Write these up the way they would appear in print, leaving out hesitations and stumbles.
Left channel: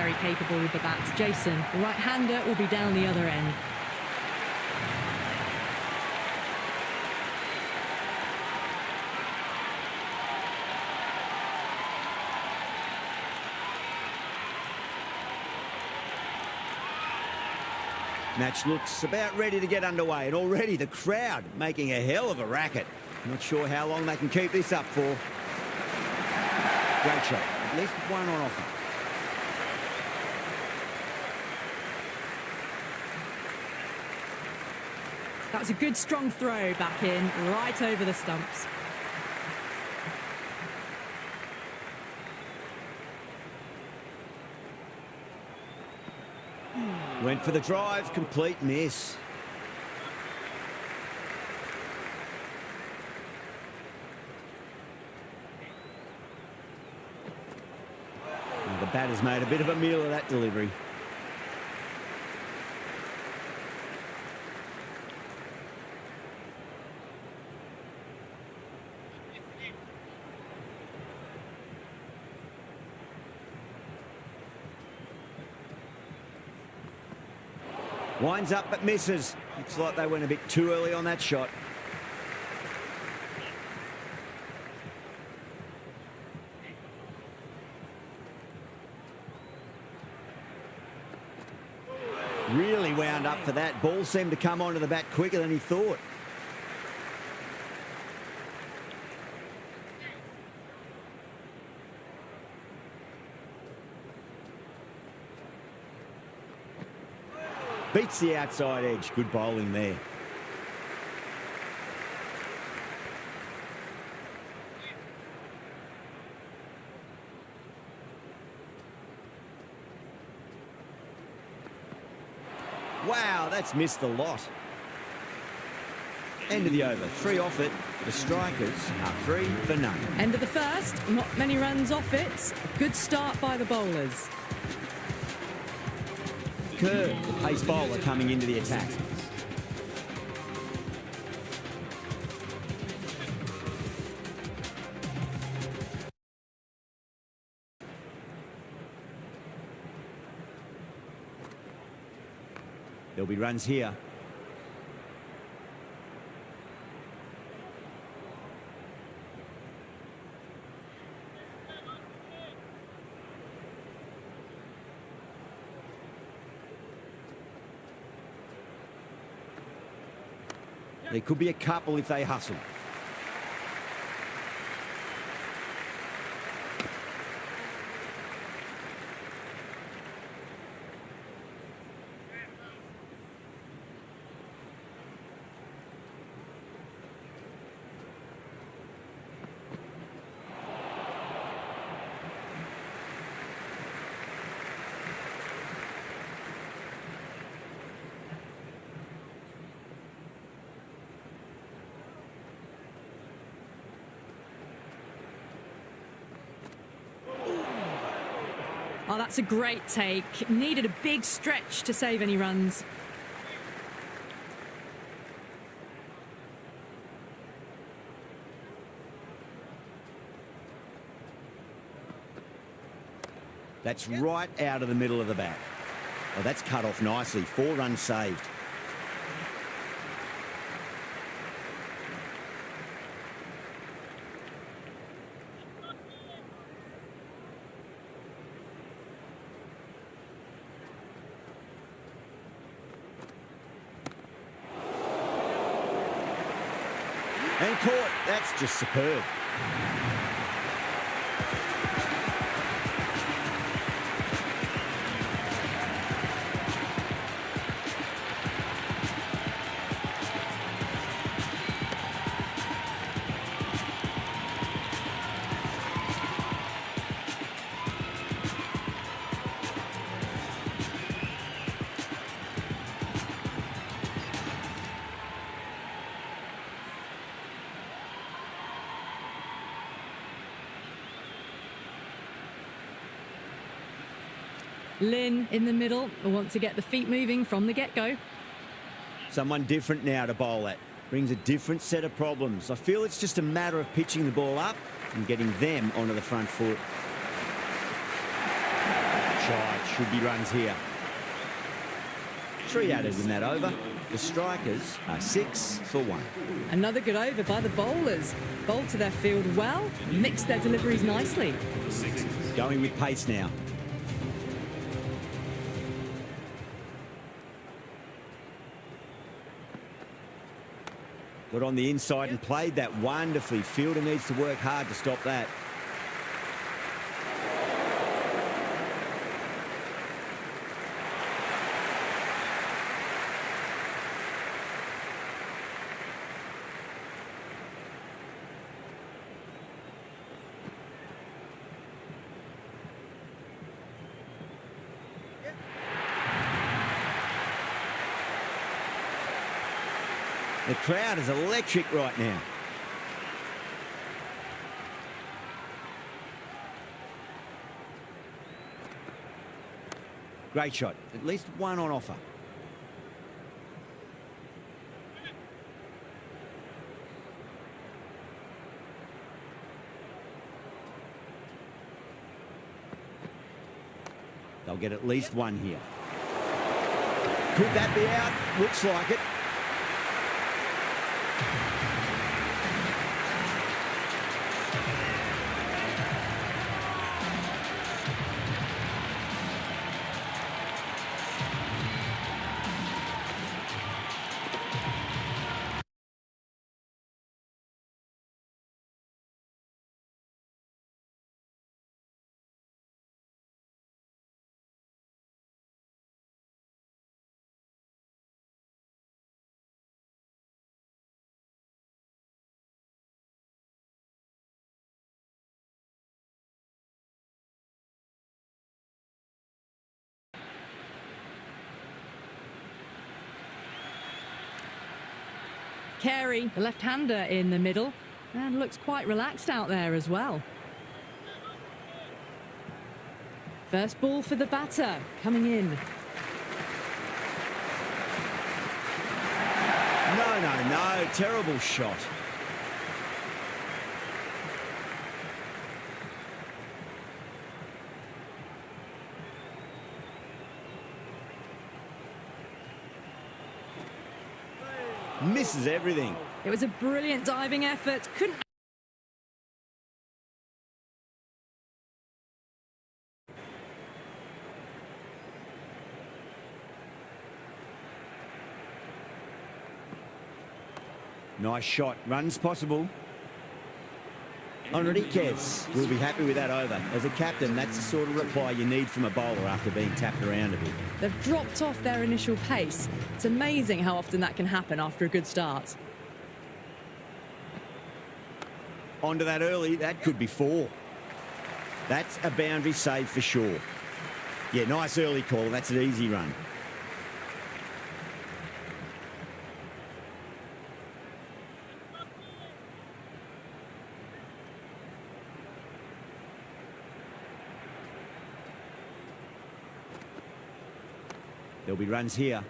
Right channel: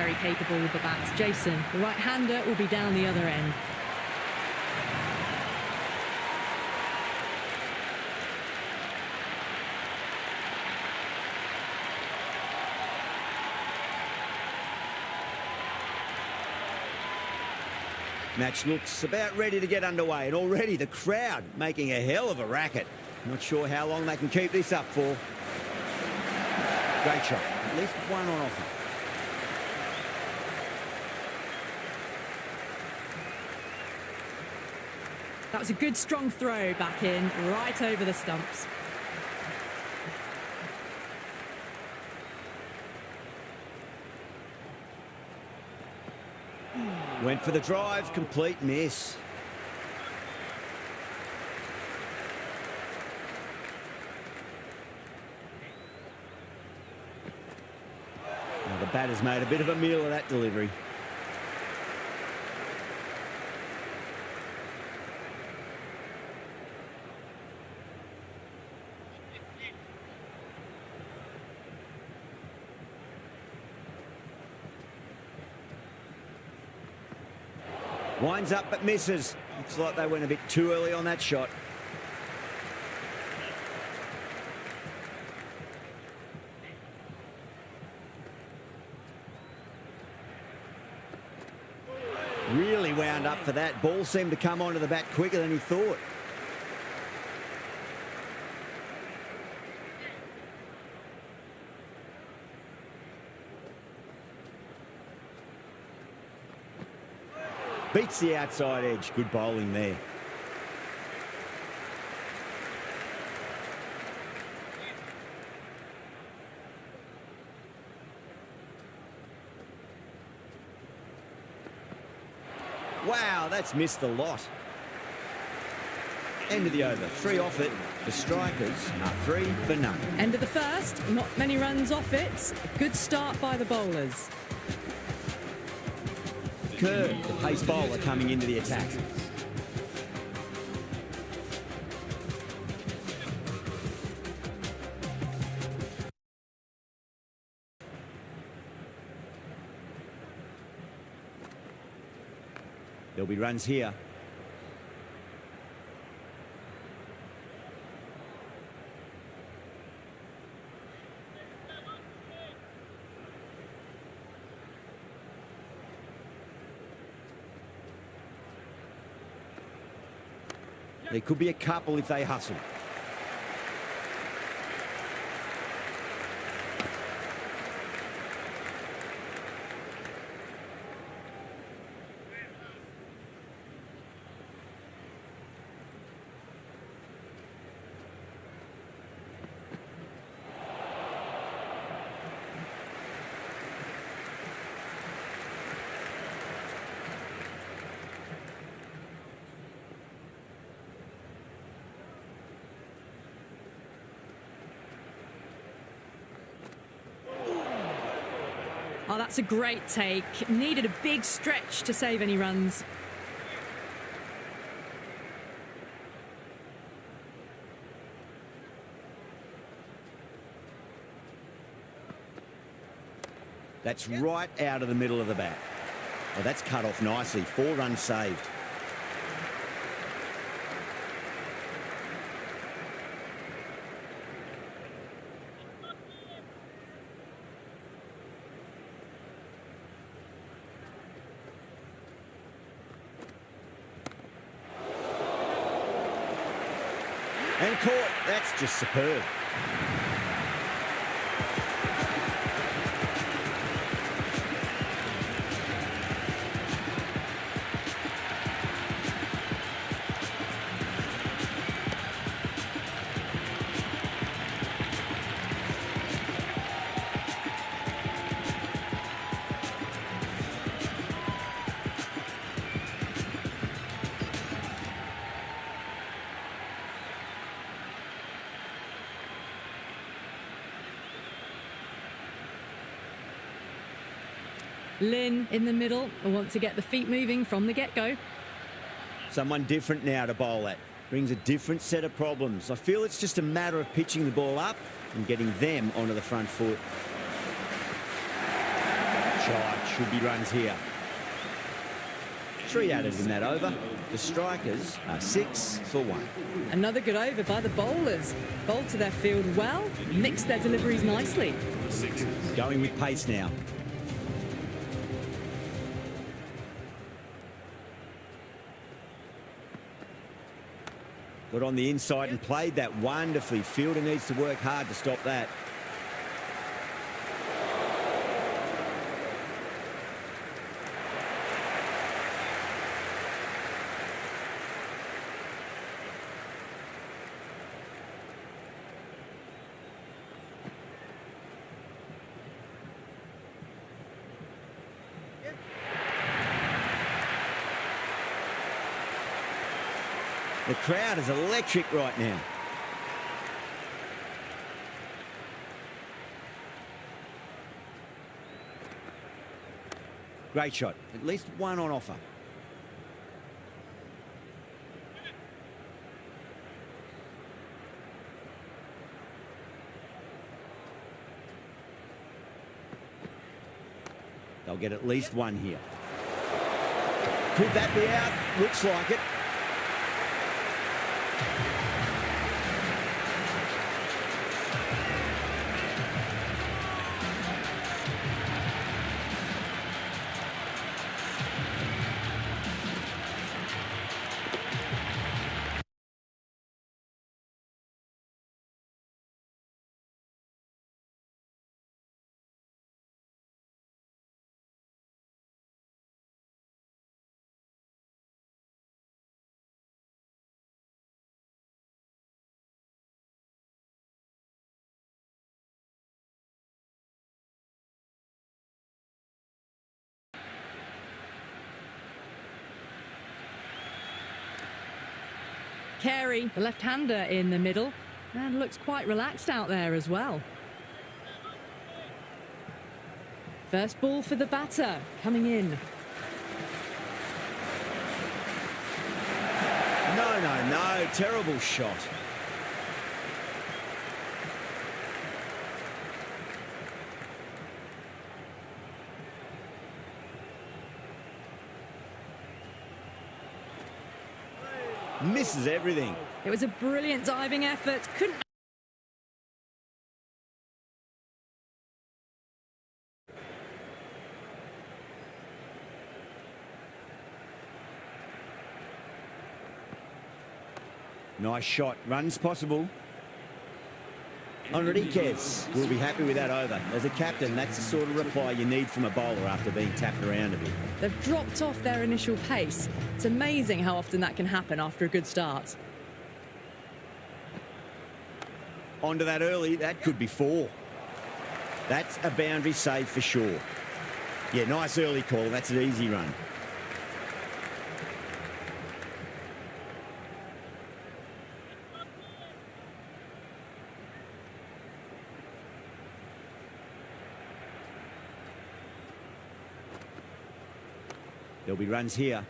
very capable with the bat. Jason, the right-hander, will be down the other end. Match looks about ready to get underway, and already the crowd making a hell of a racket. Not sure how long they can keep this up for. Great shot. At least one on offer. That was a good strong throw back in, right over the stumps. Went for the drive, complete miss. Now the batter's made a bit of a meal of that delivery. Winds up but misses. Looks like they went a bit too early on that shot. Really wound up for that. Ball seemed to come onto the bat quicker than he thought. Beats the outside edge. Good bowling there. Wow, that's missed a lot. End of the over. 3 off it. The Strikers are 3 for none. End of the first. Not many runs off it. A good start by the bowlers. Kerr, the pace bowler, coming into the attack. There'll be runs here. There could be a couple if they hustle. Oh, that's a great take. Needed a big stretch to save any runs. That's right out of the middle of the bat. Oh, that's cut off nicely. 4 runs saved. And caught. That's just superb. Lynn in the middle will want to get the feet moving from the get-go. Someone different now to bowl at. Brings a different set of problems. I feel it's just a matter of pitching the ball up and getting them onto the front foot. Shite, should be runs here. 3 added in that over. The Strikers are 6 for 1. Another good over by the bowlers. Bowled to their field well, mixed their deliveries nicely. Going with pace now. Got on the inside and played that wonderfully. Fielder needs to work hard to stop that. The crowd is electric right now. Great shot. At least one on offer. They'll get at least one here. Could that be out? Looks like it. Carey, the left-hander in the middle, and looks quite relaxed out there as well. First ball for the batter, coming in. No, terrible shot. Misses everything. It was a brilliant diving effort. Couldn't... Nice shot. Runs possible. Enriquez will be happy with that over. As a captain, that's the sort of reply you need from a bowler after being tapped around a bit. They've dropped off their initial pace. It's amazing how often that can happen after a good start. Onto that early, that could be 4. That's a boundary save for sure. Yeah, nice early call. That's an easy run. There'll be runs here.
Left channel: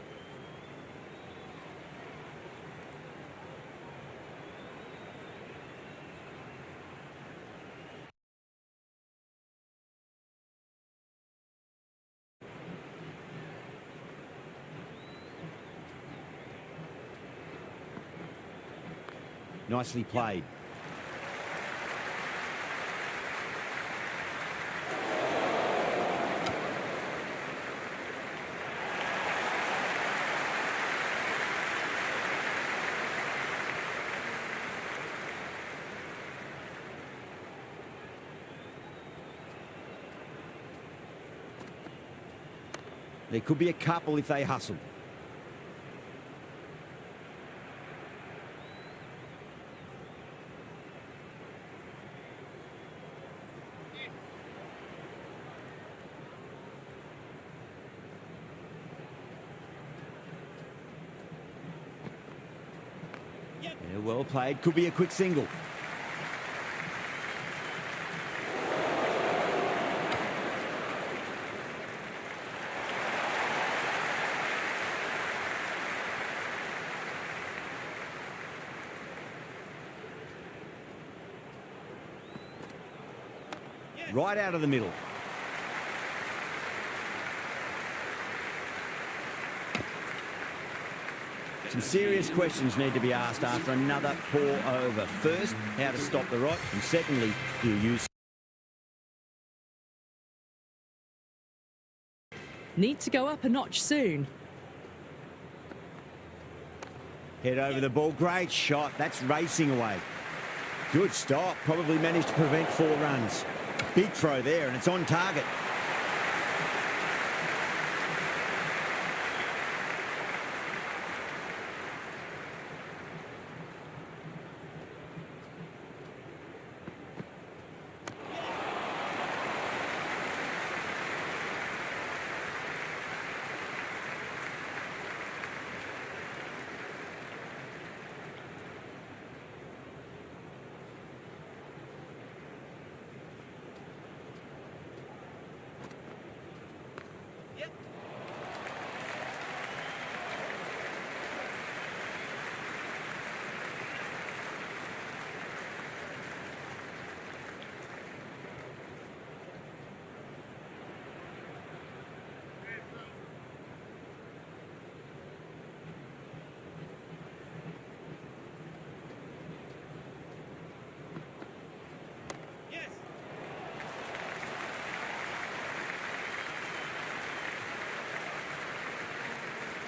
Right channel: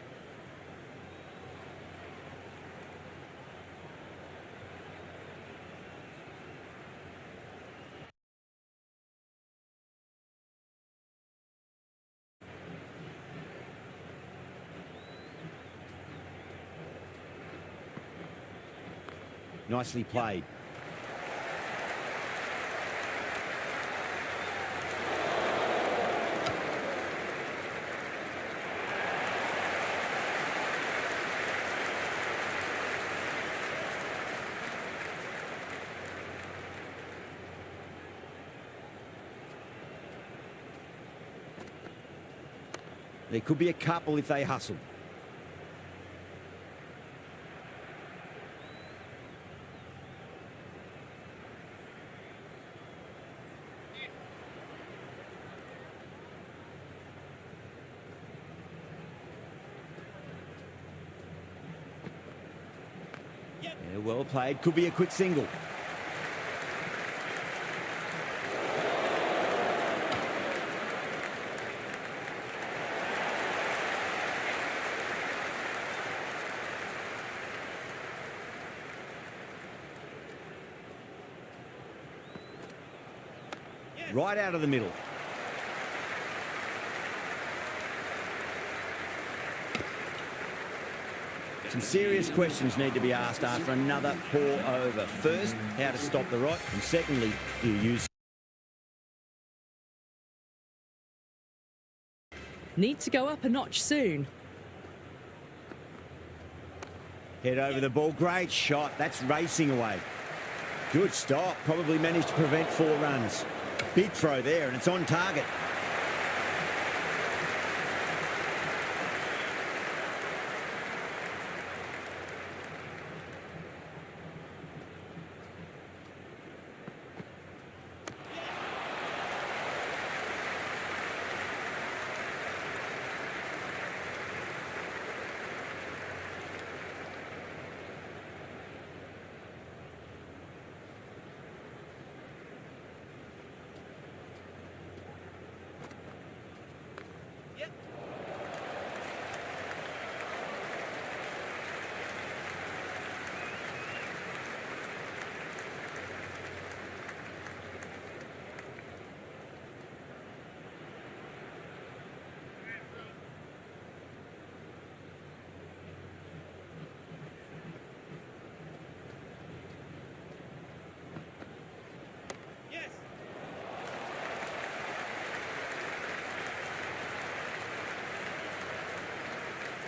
Nicely played. There could be a couple if they hustle. Yeah, well played. Could be a quick single. Right out of the middle. Some serious questions need to be asked after another poor over. First, how to stop the rot, and secondly, do you use... Need to go up a notch soon. Head over the ball. Great shot. That's racing away. Good stop. Probably managed to prevent 4 runs. Big throw there, and it's on target.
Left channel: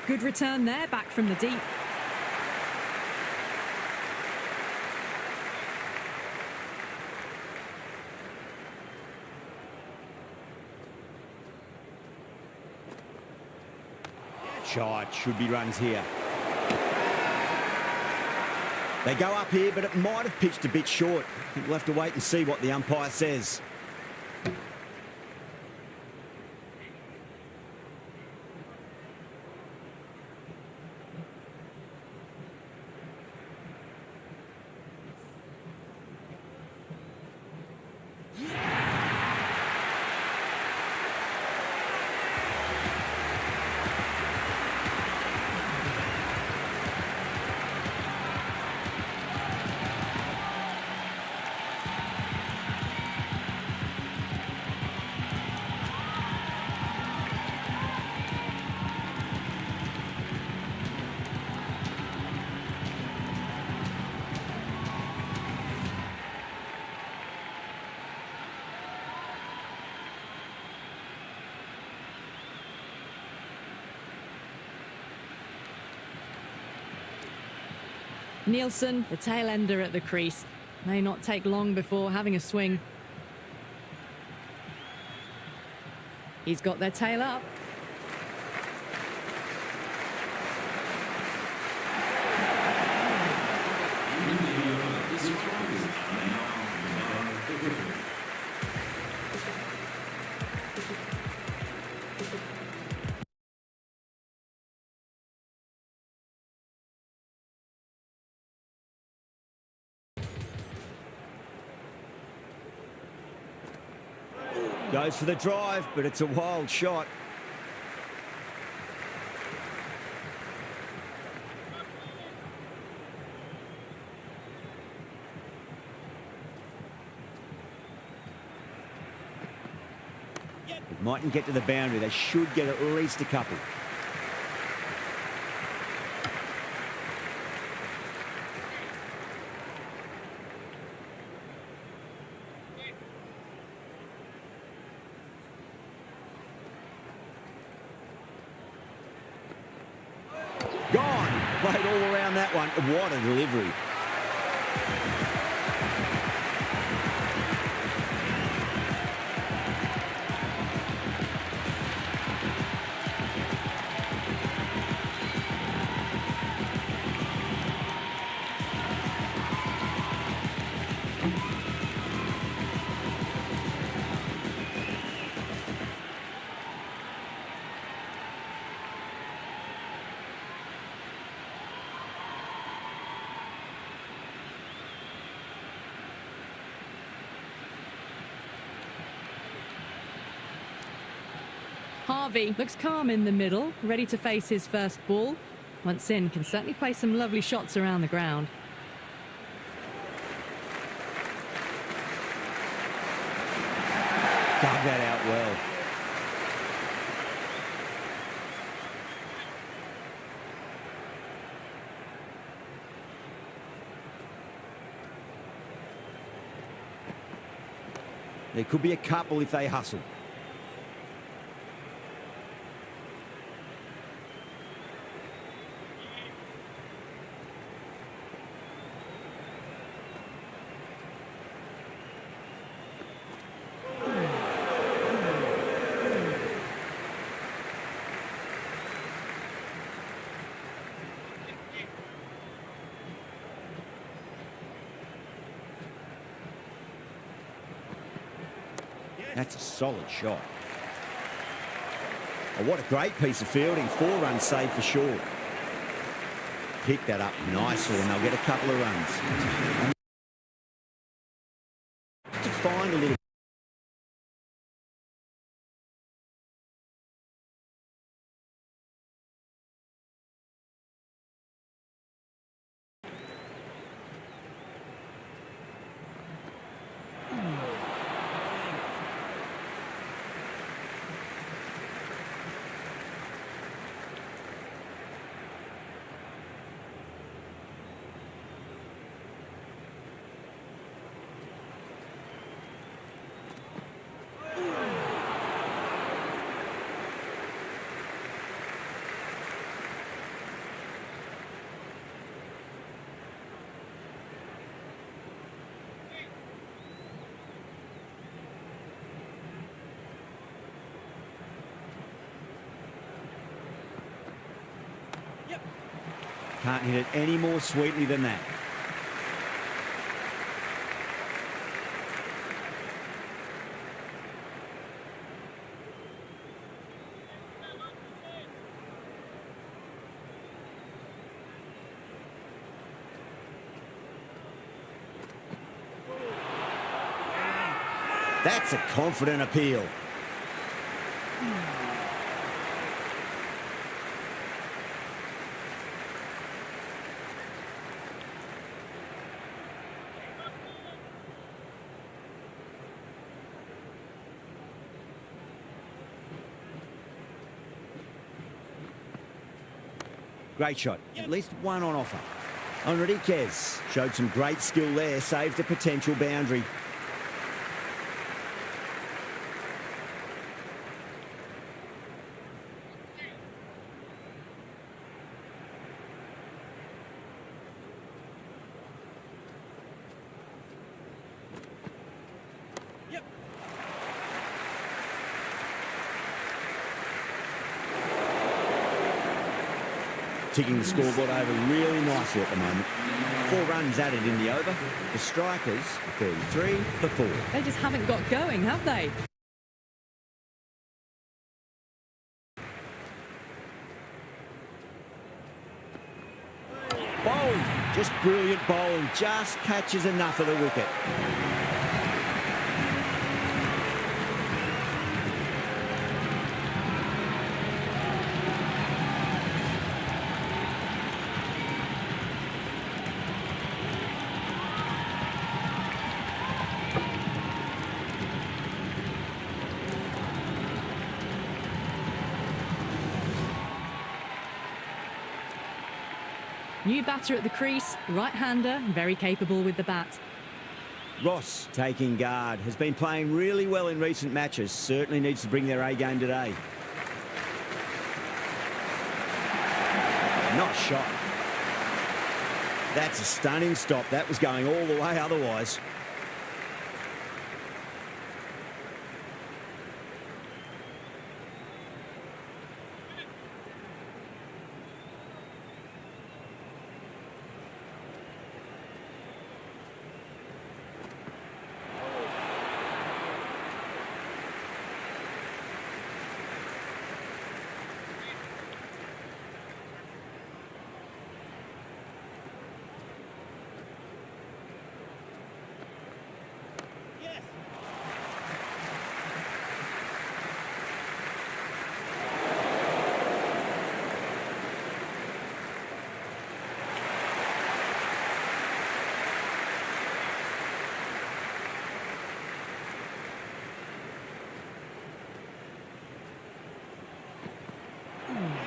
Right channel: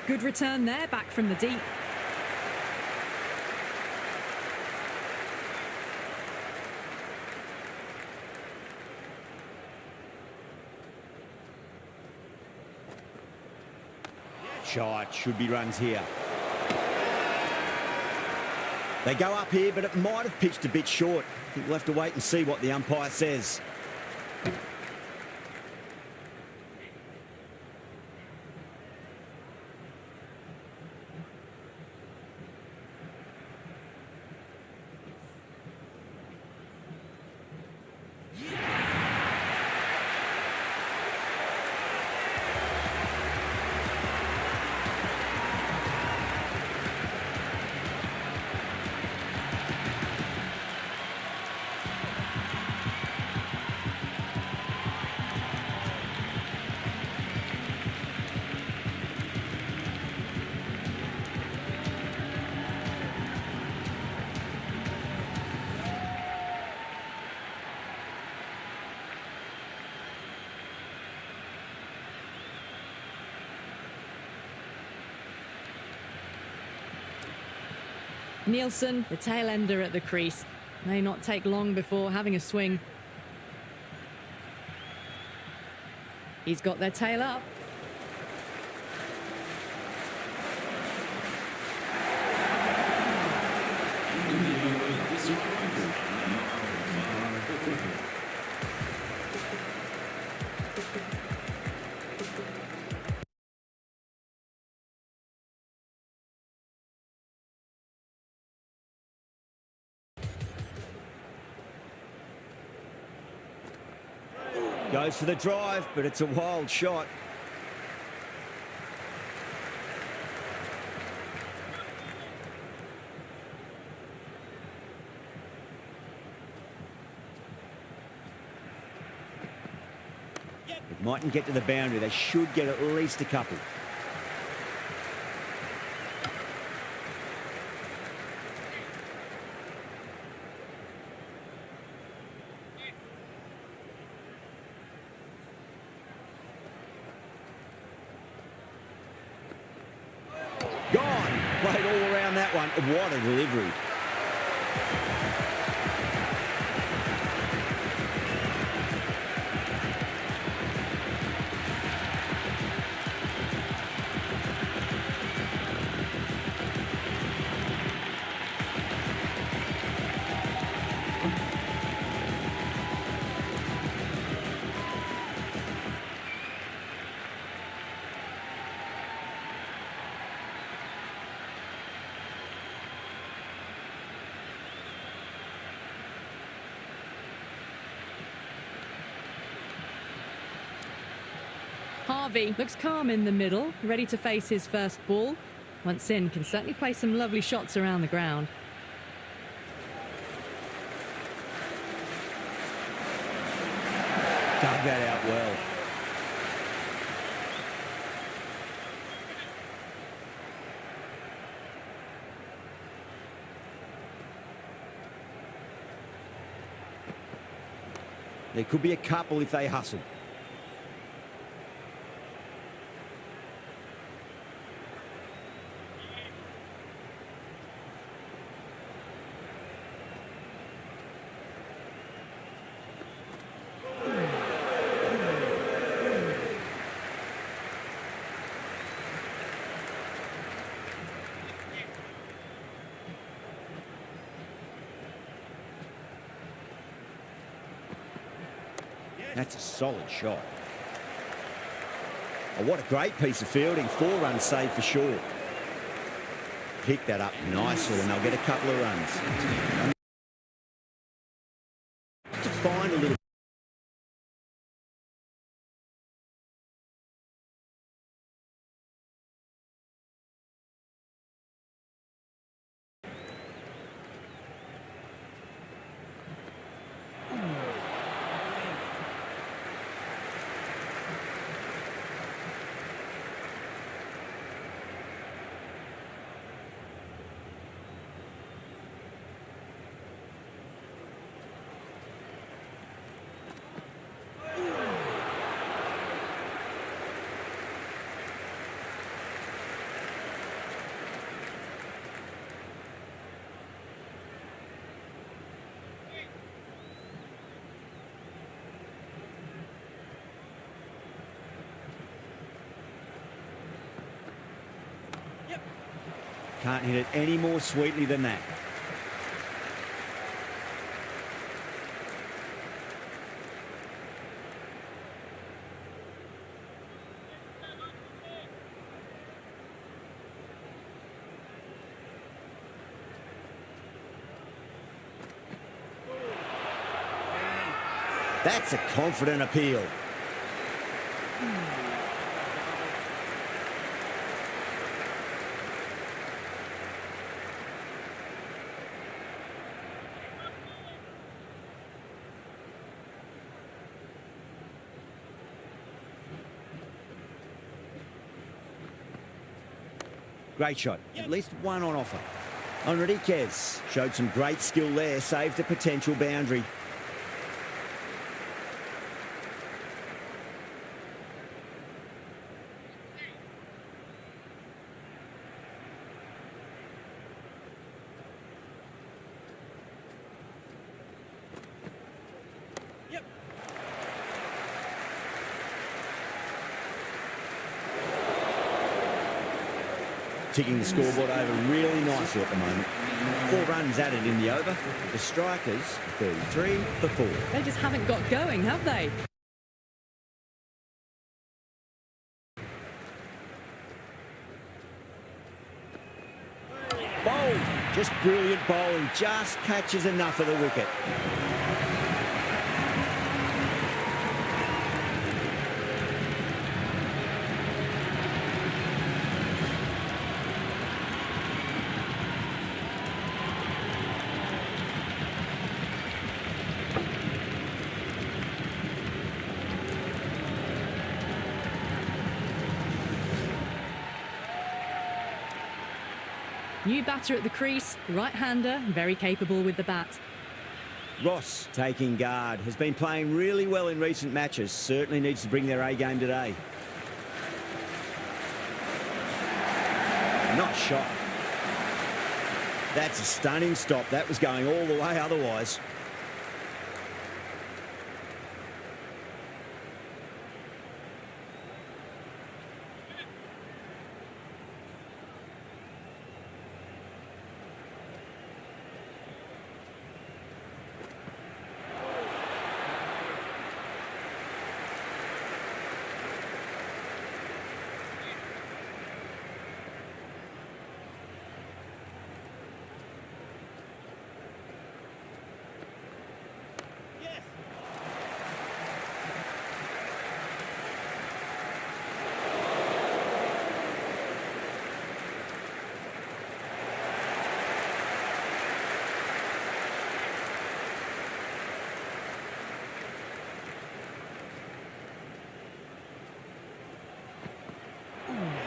Good return there, back from the deep. Shot, should be runs here. They go up here, but it might have pitched a bit short. I think we'll have to wait and see what the umpire says. Nielsen, the tail ender at the crease. May not take long before having a swing. He's got their tail up. End of the over. The Strikers are now confined for 3. Goes for the drive, but it's a wild shot. It mightn't get to the boundary. They should get at least a couple. Gone. Played all around that one. What a delivery. Harvey looks calm in the middle, ready to face his first ball. Once in, can certainly play some lovely shots around the ground. Dug that out well. There could be a couple if they hustle. That's a solid shot. Oh, what a great piece of fielding. 4 runs saved for sure. Pick that up nicely and they'll get a couple of runs. And to find a little... Can't hit it any more sweetly than that. That's a confident appeal. Great shot. At least one on offer. Enriquez showed some great skill there, saved a potential boundary. Ticking the scoreboard over really nicely at the moment. 4 runs added in the over. The Strikers, 33 for 4. They just haven't got going, have they? Bowled. Just brilliant bowling. Just catches enough of the wicket. New batter at the crease, right-hander, very capable with the bat. Ross taking guard. Has been playing really well in recent matches. Certainly needs to bring their A-game today. Not shot. That's a stunning stop. That was going all the way otherwise.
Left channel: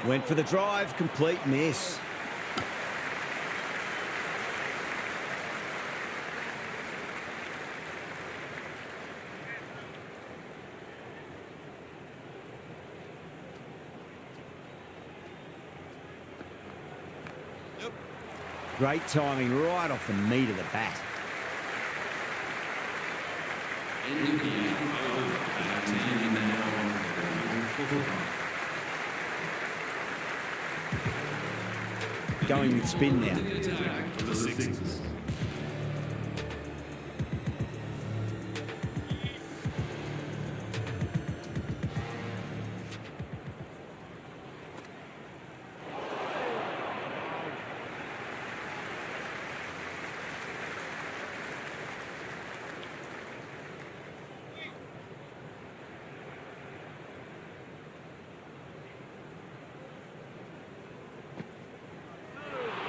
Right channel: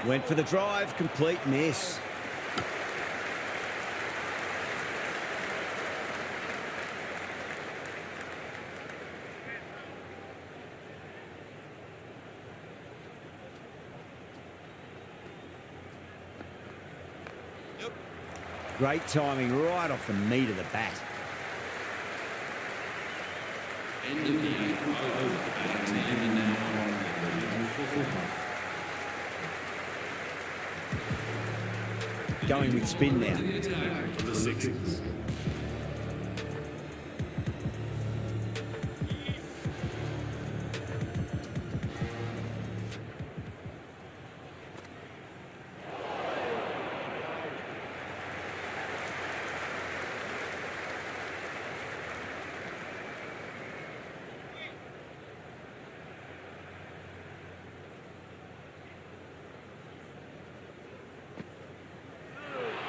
Went for the drive, complete miss. Great timing right off the meat of the bat. End of the 8th over. The batting team are now on the 8th for 5. Going with spin now. The attack for the Sixers.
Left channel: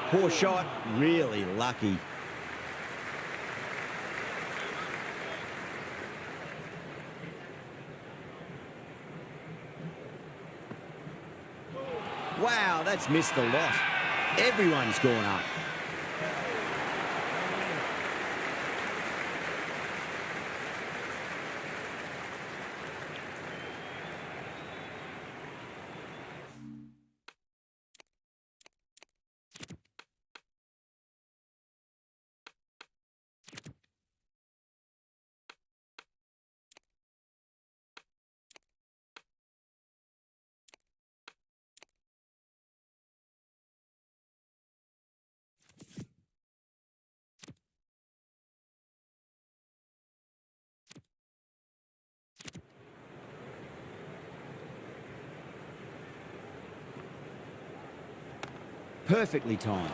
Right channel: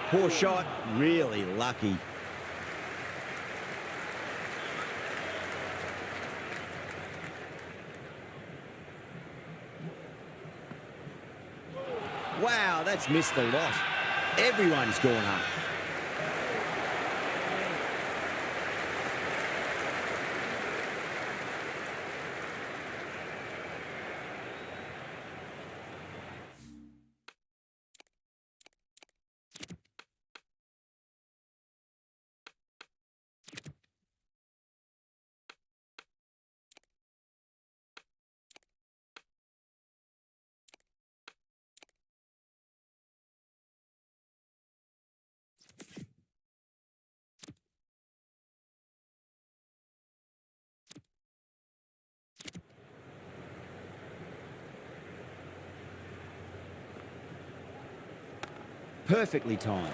Poor shot, really lucky. Wow, that's missed the lot. Everyone's gone up. Perfectly timed.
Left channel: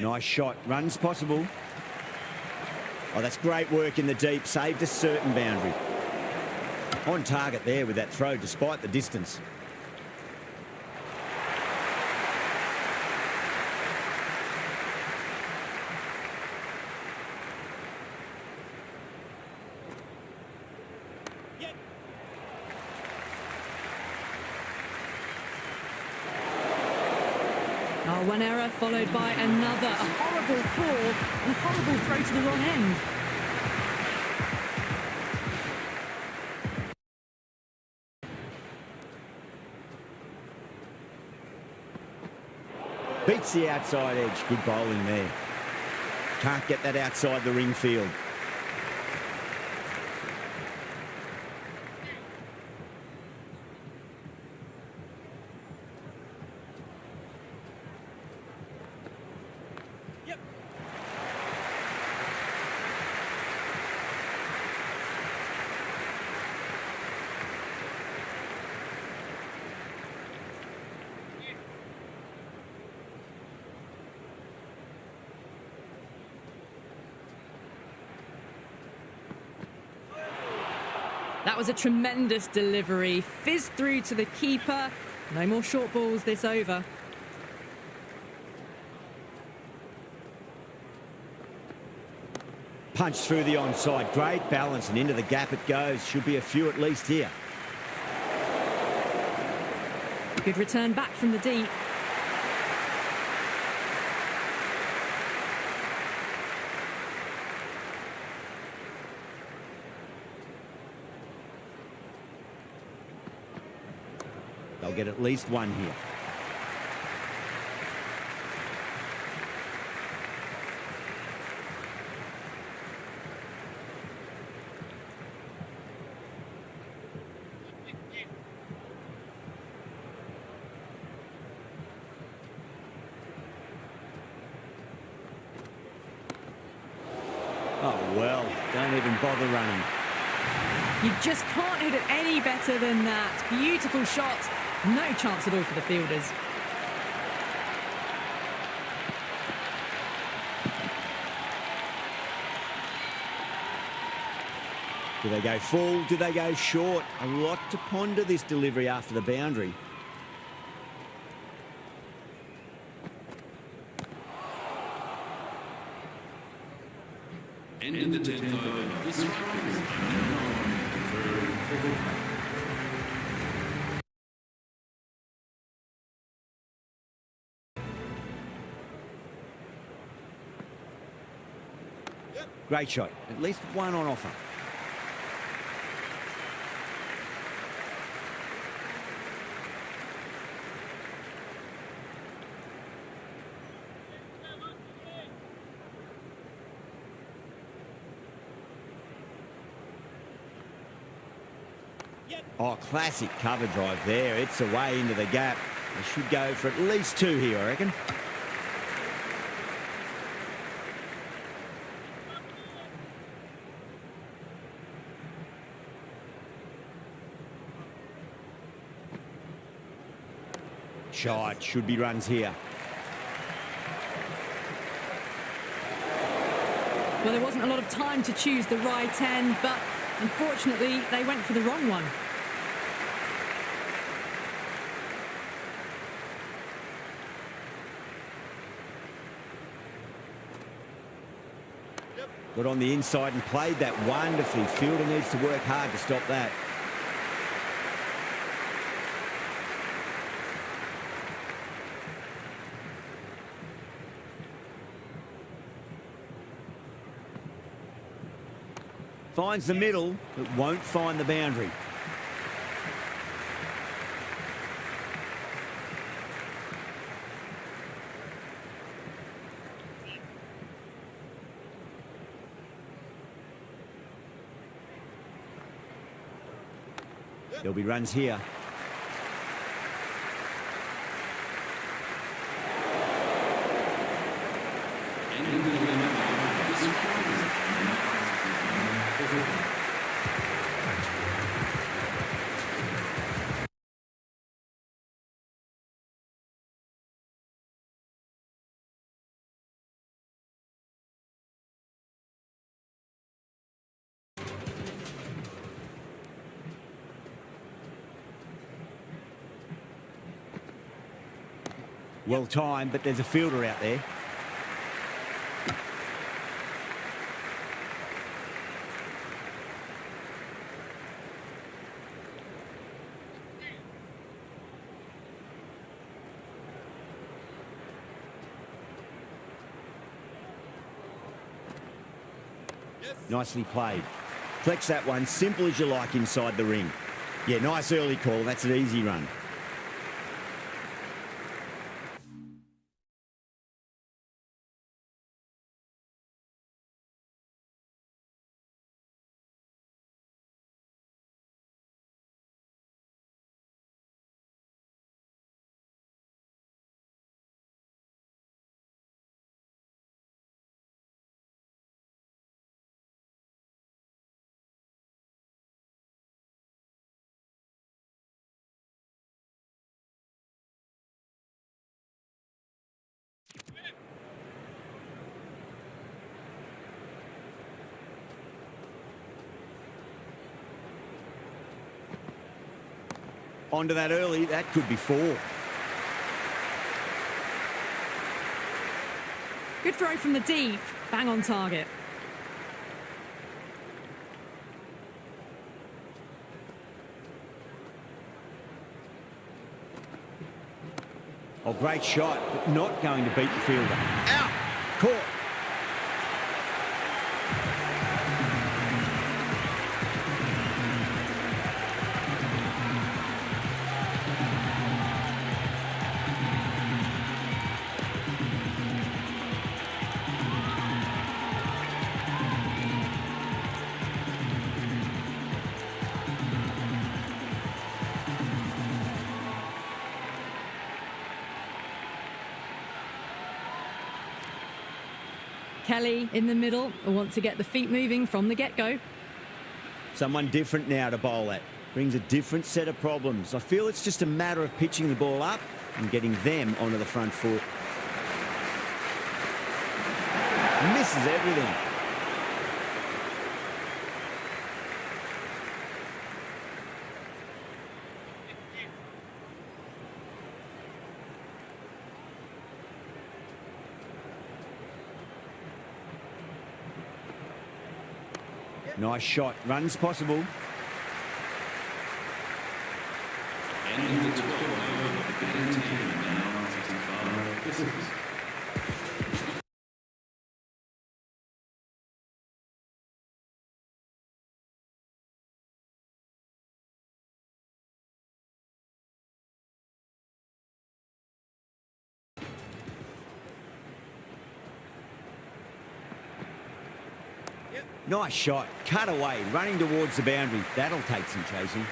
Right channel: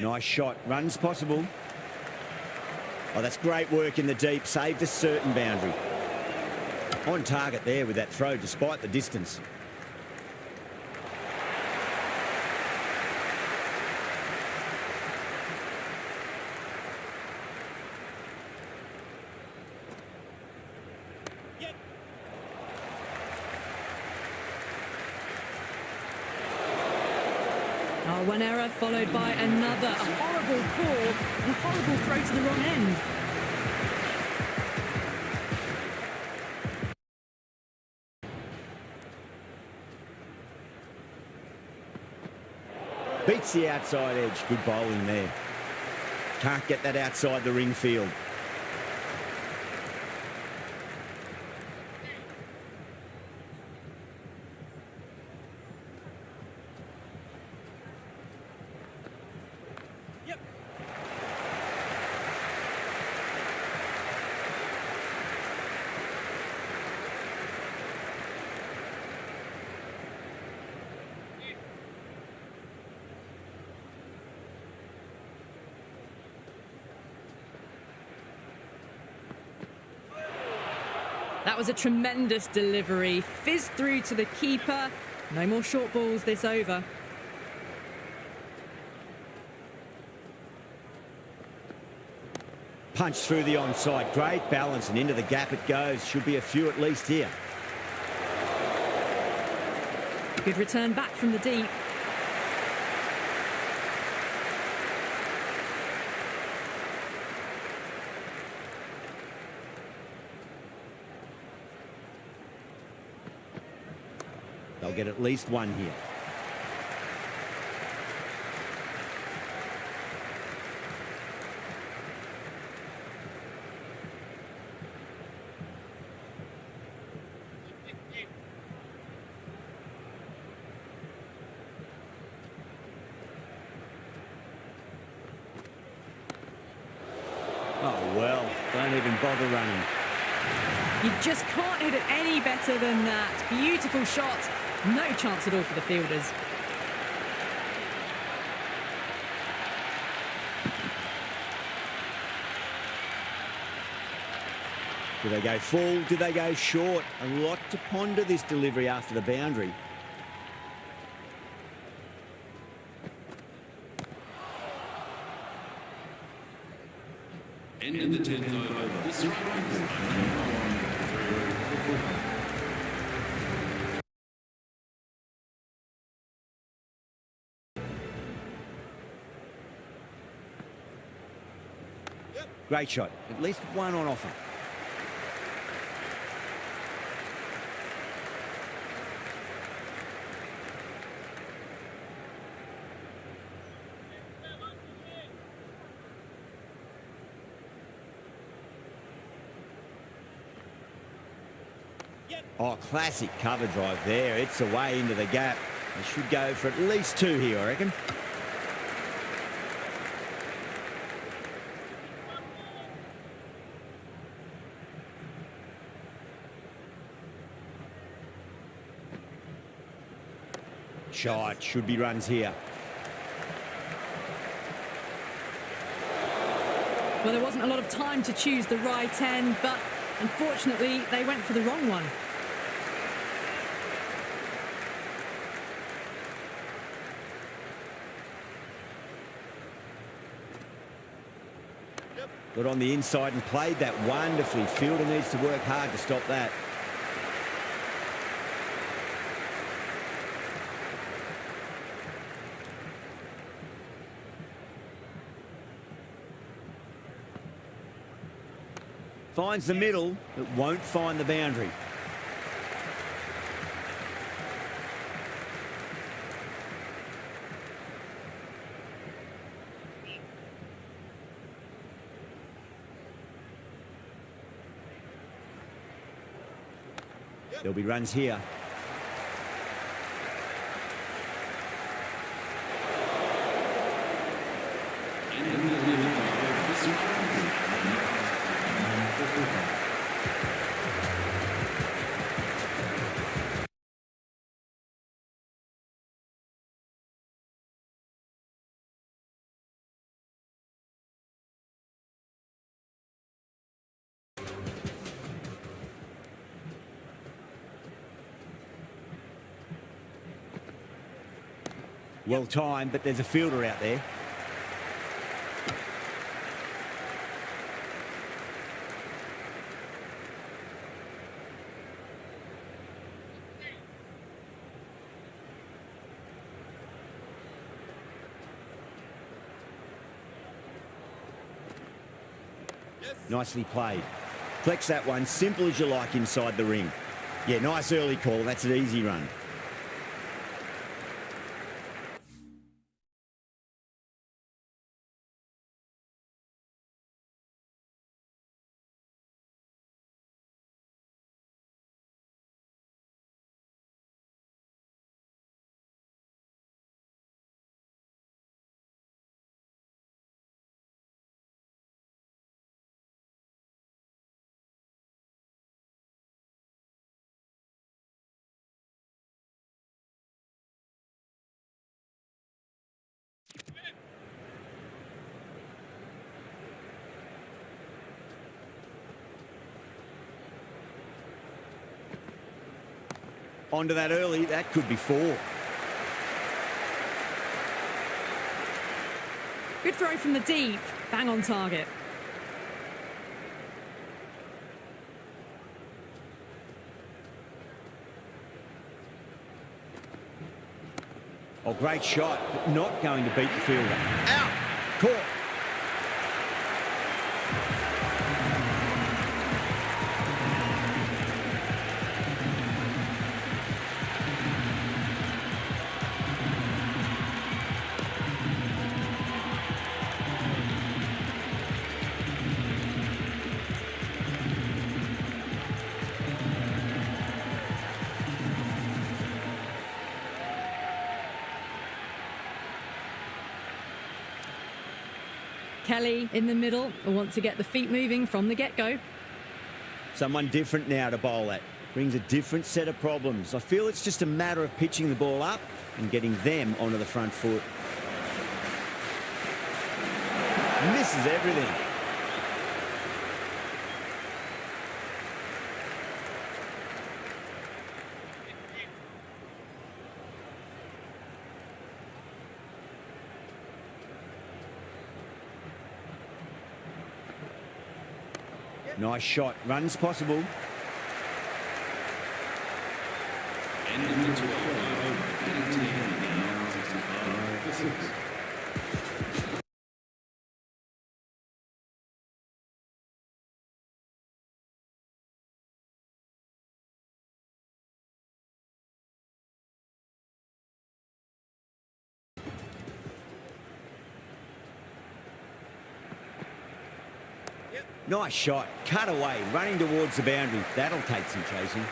Nice shot. Runs possible. Oh, that's great work in the deep. Saved a certain boundary. On target there with that throw, despite the distance. Oh, one error followed by another. A horrible call and a horrible throw to the wrong end. Beats the outside edge. Good bowling there. Can't get that outside the ring field. That was a tremendous delivery. Fizzed through to the keeper. No more short balls this over. Punch through the onside. Great balance and into the gap it goes. Should be a few at least here. Good return back from the deep. They'll get at least one here. Oh, well, don't even bother running. You just can't hit it any better than that. Beautiful shot. No chance at all for the fielders. Do they go full? Do they go short? A lot to ponder this delivery after the boundary. End of the 10th over. The Strikers are now on 3 for 5. Great shot. At least one on offer. Oh, classic cover drive there. It's away into the gap. They should go for at least two here, I reckon. Shot. Should be runs here. Well, there wasn't a lot of time to choose the right end, but unfortunately, they went for the wrong one. Got on the inside and played that wonderfully. Fielder needs to work hard to stop that. Finds the middle, but won't find the boundary. There'll be runs here. End of the 11th over. The Strikers are now 61-49. Well timed, but there's a fielder out there. Nicely played. Flex that one, simple as you like inside the ring. Yeah, nice early call. That's an easy run. Onto that early, that could be four. Good throw from the deep. Bang on target. Oh, great shot, but not going to beat the fielder. Out! Caught. Kelly in the middle will want to get the feet moving from the get-go. Someone different now to bowl at. Brings a different set of problems. I feel it's just a matter of pitching the ball up and getting them onto the front foot. Misses everything. Nice shot. Runs possible. End of the 12th over. The batting team are now 65 for 6. Nice shot. Cut away. Running towards the boundary. That'll take some chasing.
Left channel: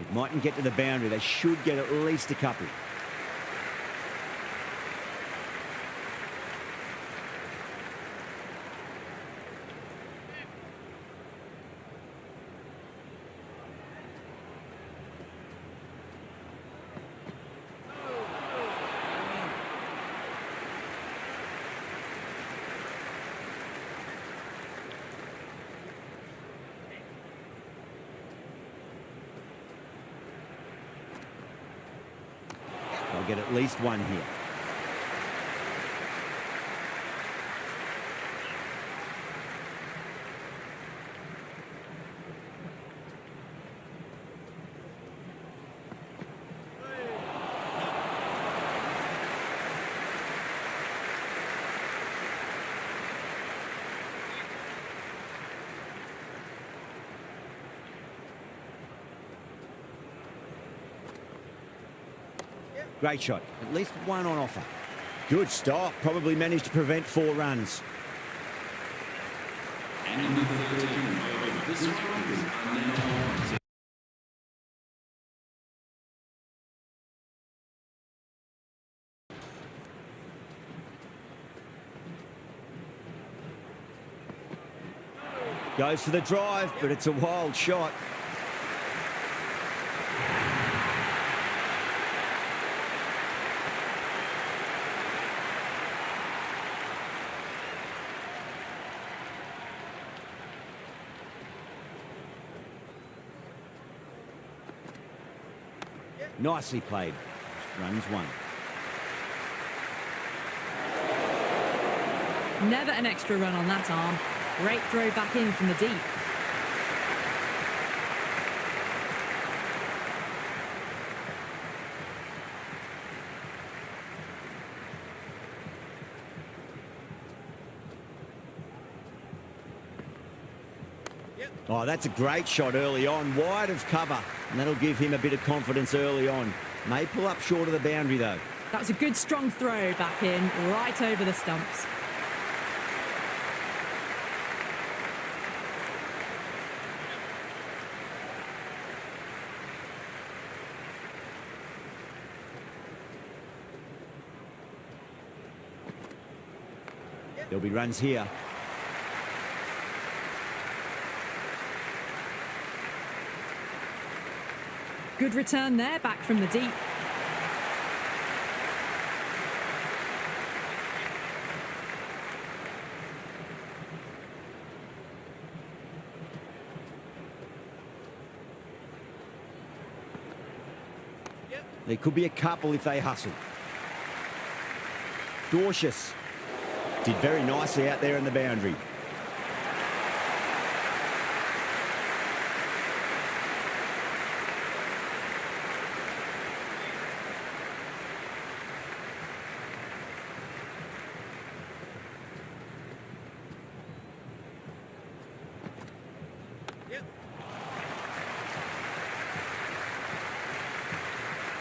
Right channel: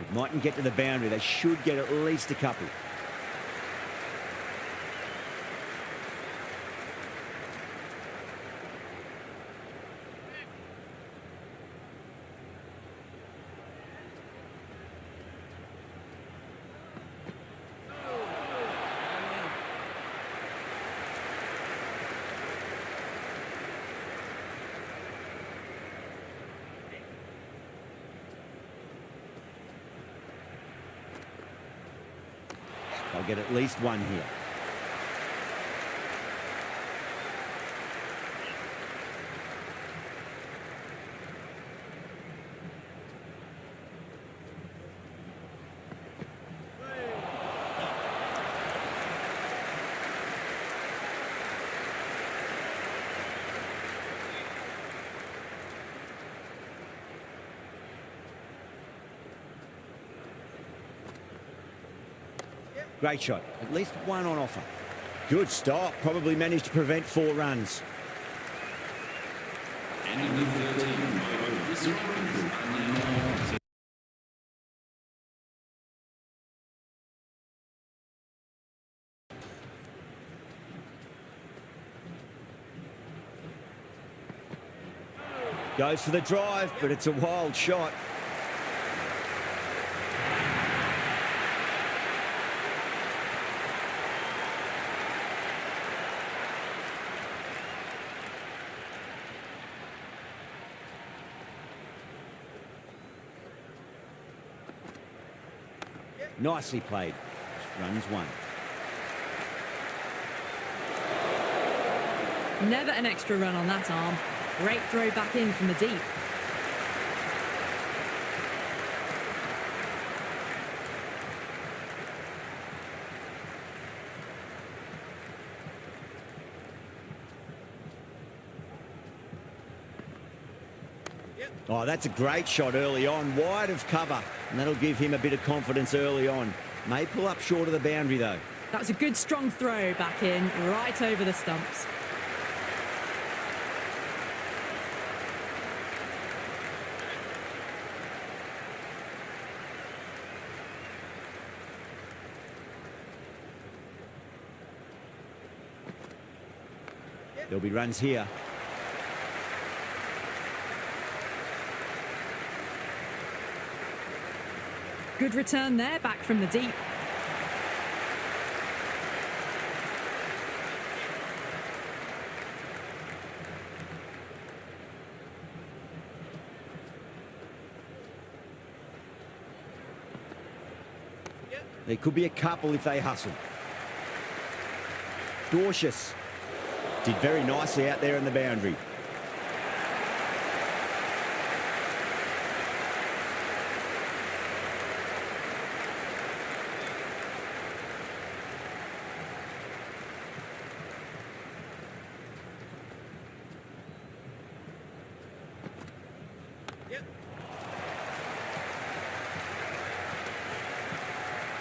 It mightn't get to the boundary. They should get at least a couple. They'll get at least one here. Great shot. At least one on offer. Good stop. Probably managed to prevent 4 runs. End of the 13th over. The Strikers are now on. Goes for the drive, but it's a wild shot. Nicely played. Runs 1. Never an extra run on that arm. Great throw back in from the deep. Oh, that's a great shot early on, wide of cover, and that'll give him a bit of confidence early on. May pull up short of the boundary, though. That was a good strong throw back in, right over the stumps. There'll be runs here. Good return there, back from the deep. There could be a couple if they hustle. Dorcious did very nicely out there in the boundary.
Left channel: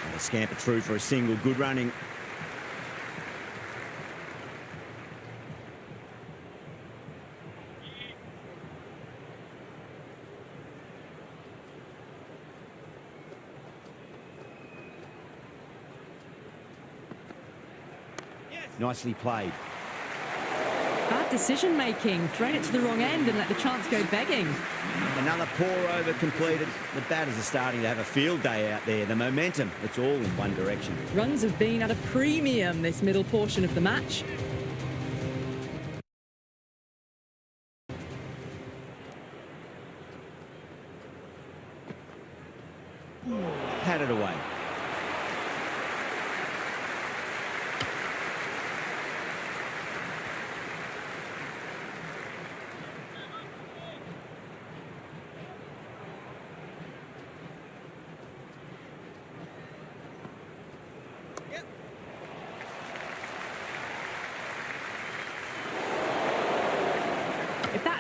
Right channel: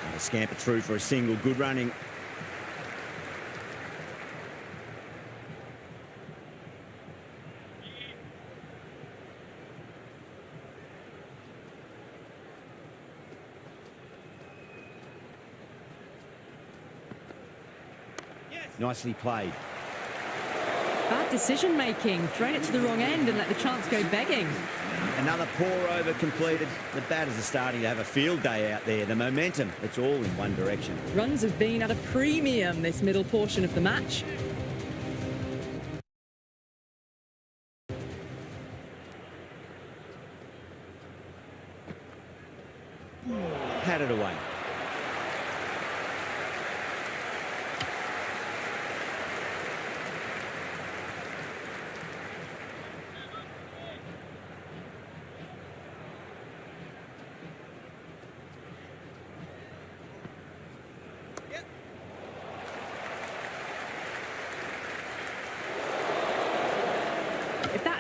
And they scamper through for a single. Good running. Nicely played. Bad decision making, thrown it to the wrong end and let the chance go begging. Another pour over completed. The batters are starting to have a field day out there. The momentum, it's all in one direction. Runs have been at a premium this middle portion of the match. Had it away.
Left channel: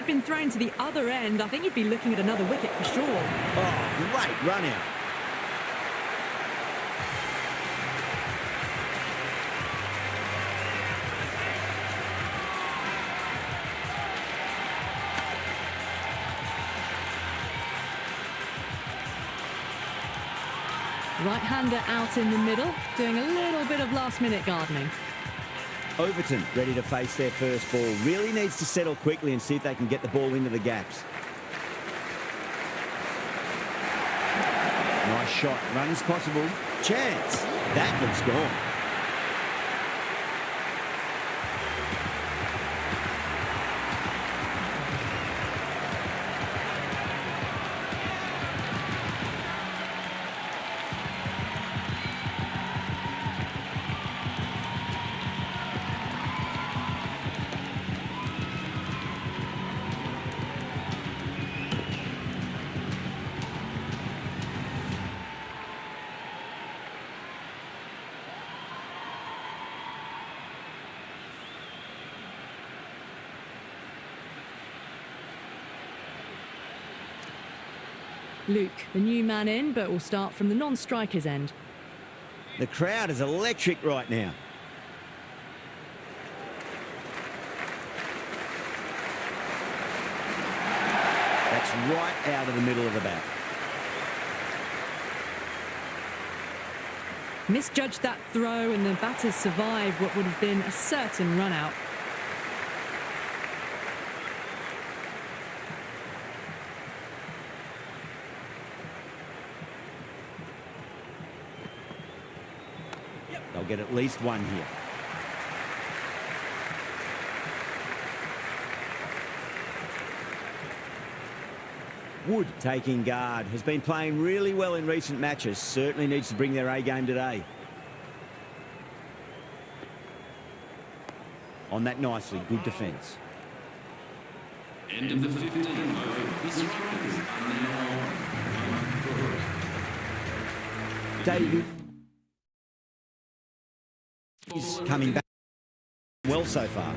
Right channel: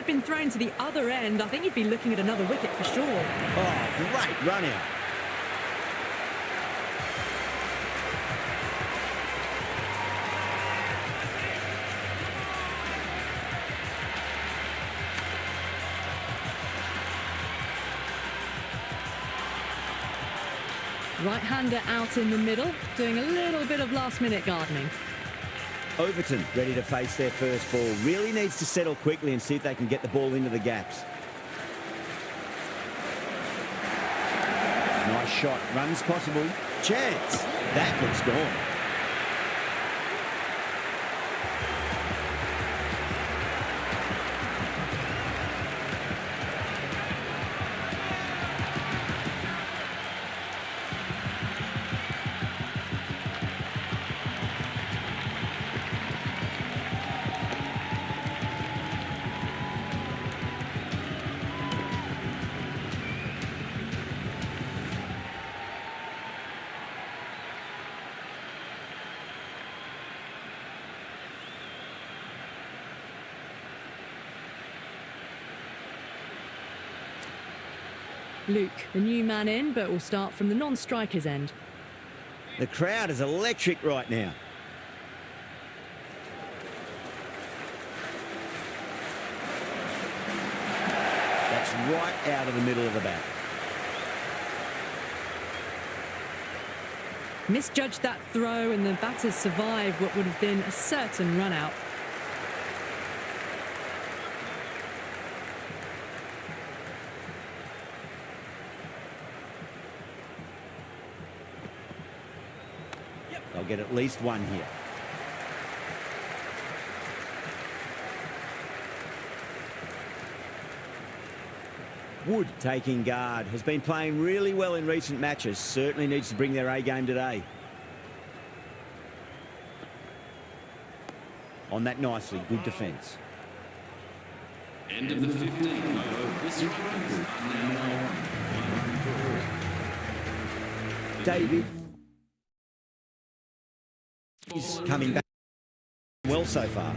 been thrown to the other end, I think you'd be looking at another wicket for sure. Oh, great run out. Right-hander out in the middle, doing a little bit of last-minute gardening. Overton ready to face their first ball. Really needs to settle quickly and see if they can get the ball into the gaps. Nice shot. Runs possible. Chance. That looks gone. Luke, the new man in, but will start from the non-striker's end. The crowd is electric right now. That's right out of the middle of the bat. Misjudged that throw and the batters survived what would have been a certain run-out. They'll get at least one here. Wood taking guard. Has been playing really well in recent matches. Certainly needs to bring their A game today. On that nicely. Good defence. End of the 15th over. The Strikers are now on 1 4. David is coming back well so far.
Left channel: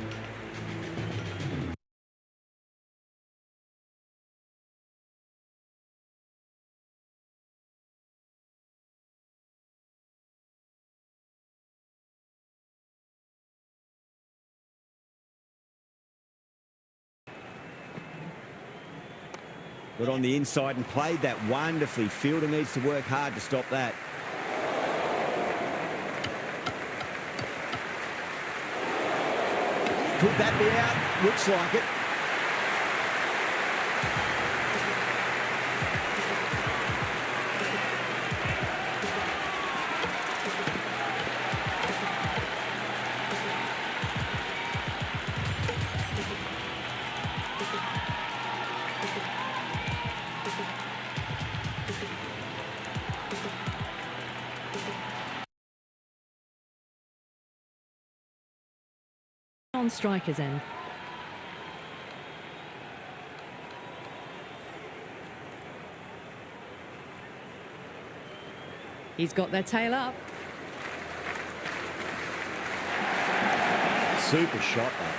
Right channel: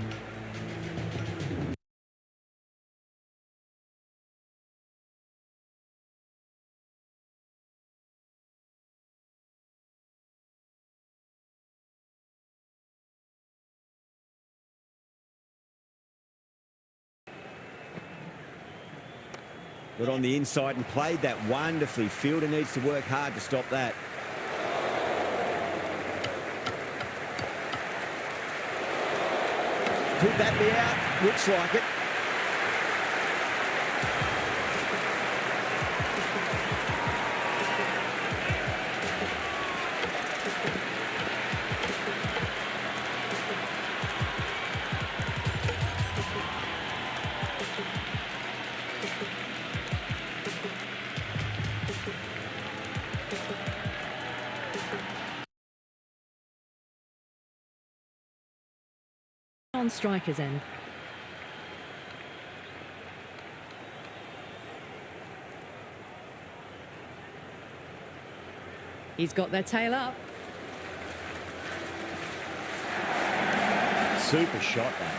Got on the inside and played that wonderfully. Fielder needs to work hard to stop that. Could that be out? Looks like it. On striker's end. He's got their tail up. Super shot that.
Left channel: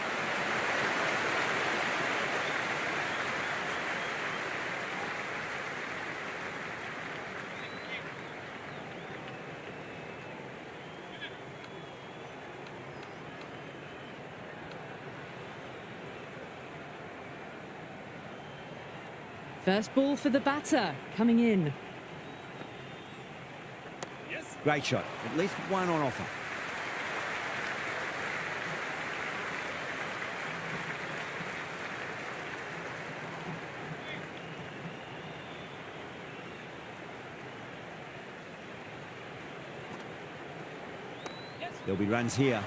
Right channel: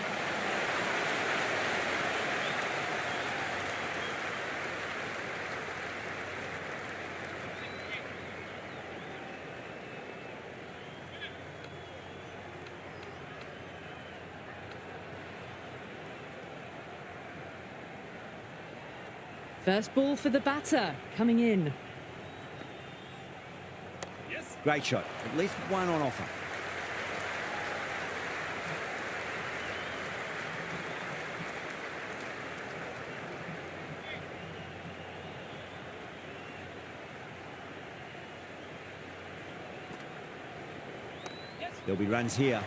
First ball for the batter, coming in. Great shot. At least one on offer. There'll be runs here.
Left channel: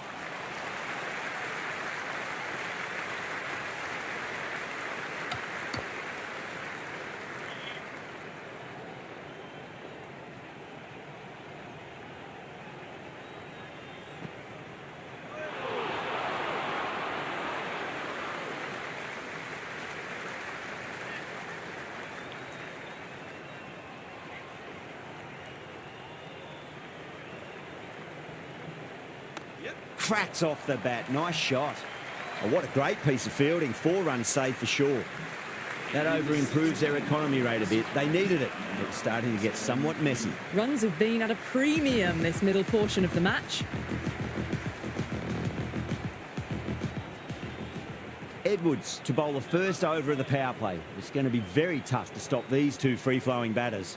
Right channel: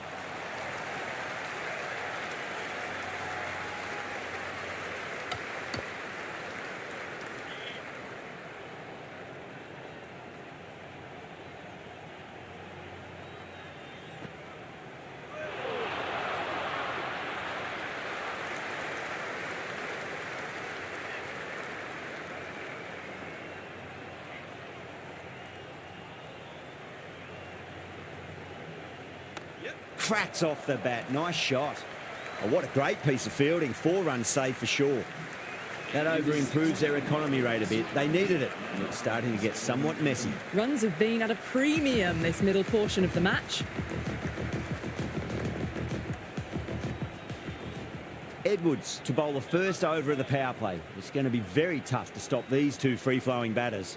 Cracks off the bat. Nice shot. Oh, what a great piece of fielding. 4 runs saved for sure. That over improves their economy rate a bit. They needed it. It was starting to get somewhat messy. Runs have been at a premium this middle portion of the match. Edwards to bowl the first over of the power play. It's going to be very tough to stop these two free-flowing batters.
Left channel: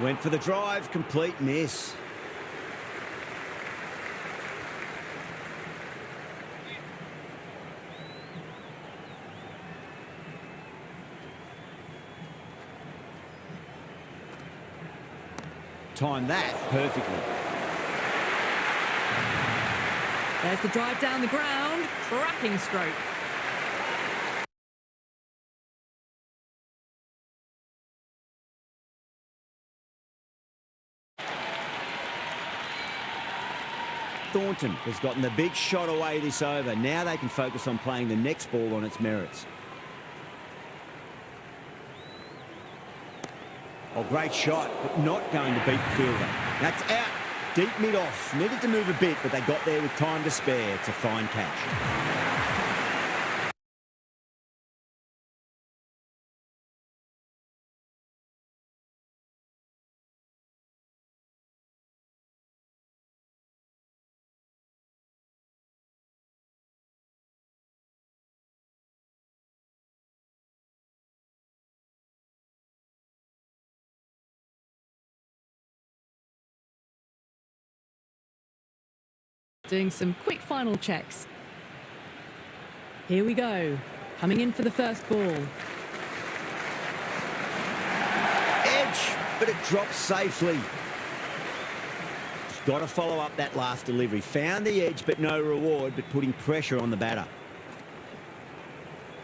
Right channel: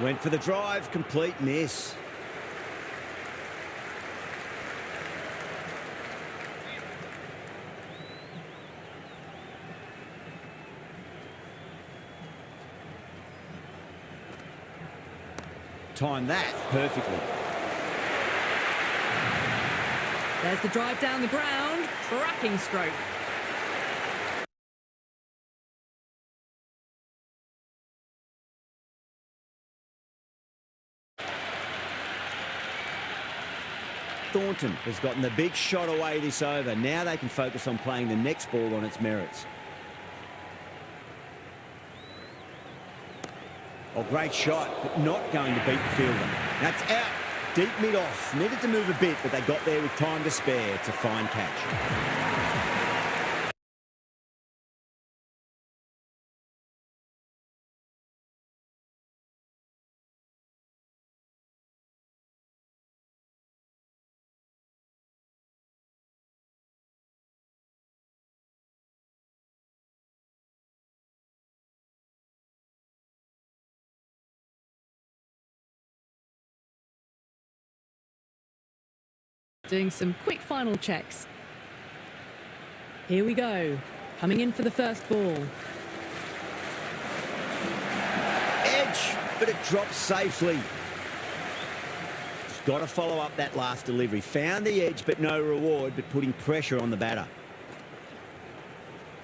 Went for the drive, complete miss. Timed that perfectly. There's the drive down the ground. Cracking stroke. Thornton has gotten the big shot away this over. Now they can focus on playing the next ball on its merits. Oh, great shot, but not going to beat the fielder. That's out. Deep mid-off. Needed to move a bit, but they got there with time to spare. It's a fine catch. Doing some quick final checks. Here we go. Coming in for the first ball. Edge, but it drops safely. Just got to follow up that last delivery. Found the edge, but no reward, but putting pressure on the batter.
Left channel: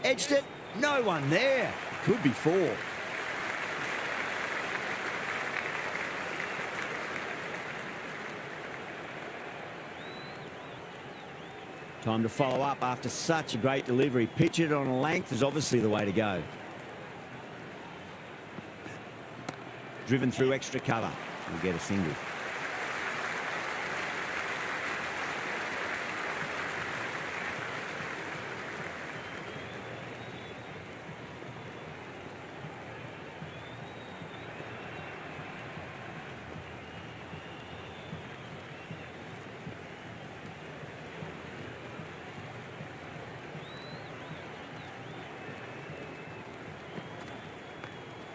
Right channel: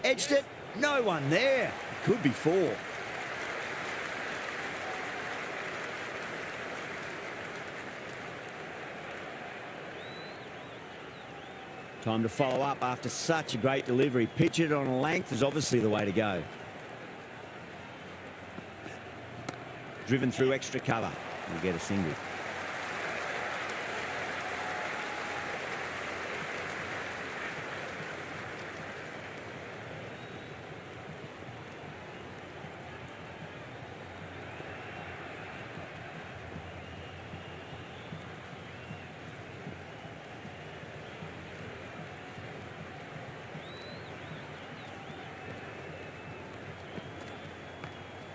Edged it. No one there. It could be 4. Time to follow up after such a great delivery. Pitch it on a length is obviously the way to go. Driven through extra cover. We'll get a single.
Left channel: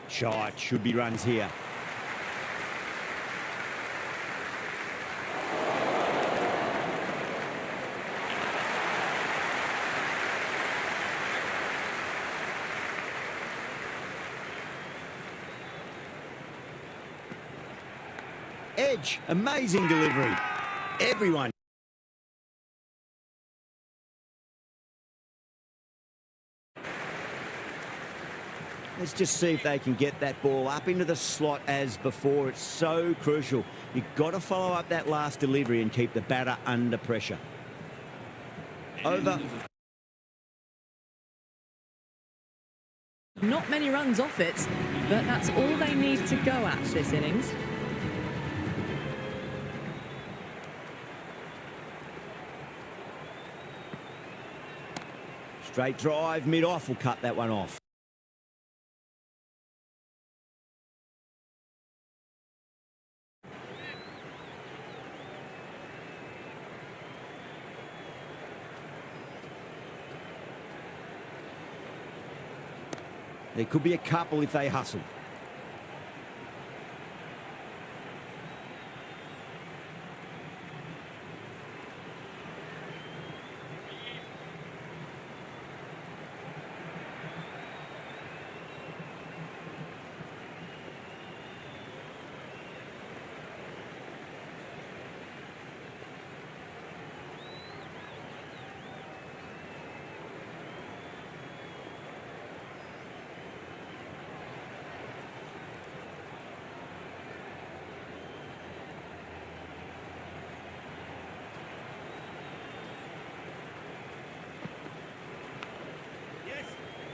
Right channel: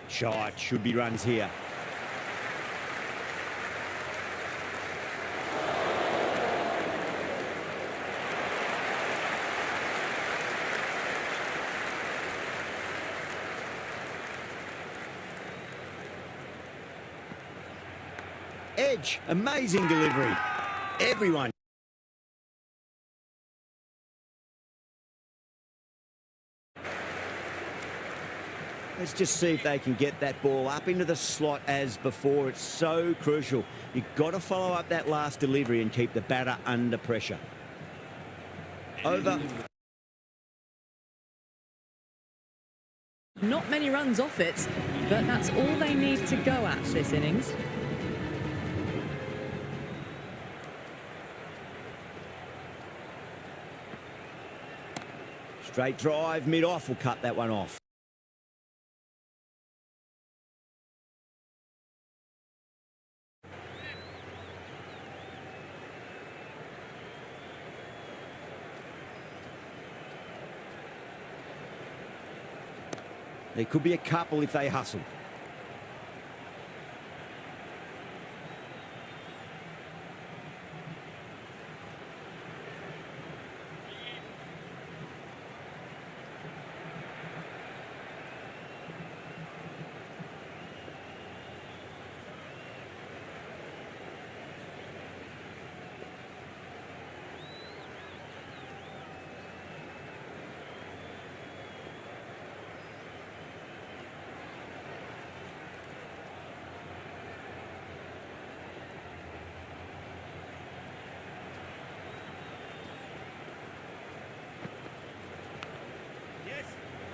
Shot, should be runs here. Edge, amazing delivery. Everyone. Let's just see if they can get that ball up into the slot as before. It's so crucial. You've got to follow up that last delivery and keep the batter under pressure. Over. Not many runs off it, but that's all they need to go at this innings. Straight drive, mid-off will cut that one off. There could be a couple if they hustle.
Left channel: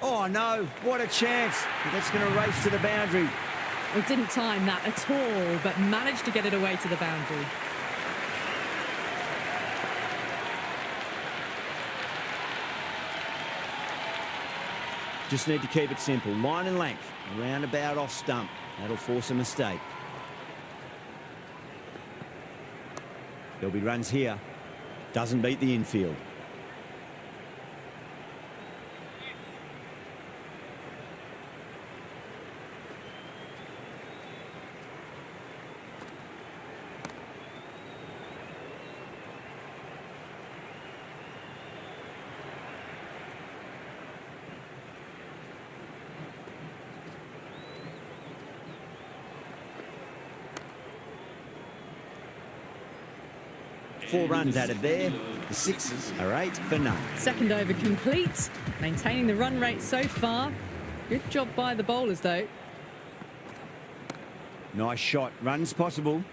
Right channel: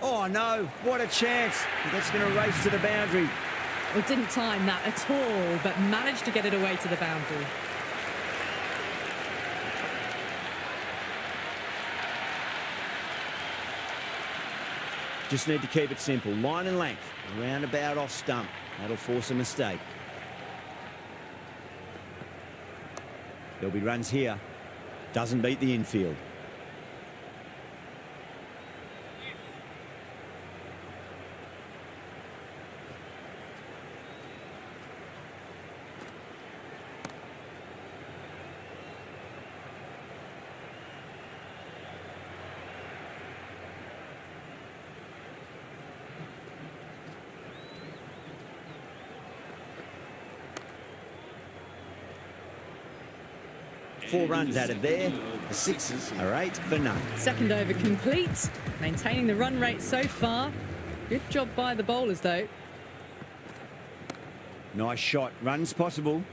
Oh no, what a chance. That's going to race to the boundary. Well, didn't time that at all, but managed to get it away to the boundary. Just need to keep it simple. Line and length. Around about off stump. That'll force a mistake. There'll be runs here. Doesn't beat the infield. Four runs out of there. The sixes are 8 for none. Second over complete. Maintaining the run rate so far. Good job by the bowlers, though. Nice shot. Runs possible.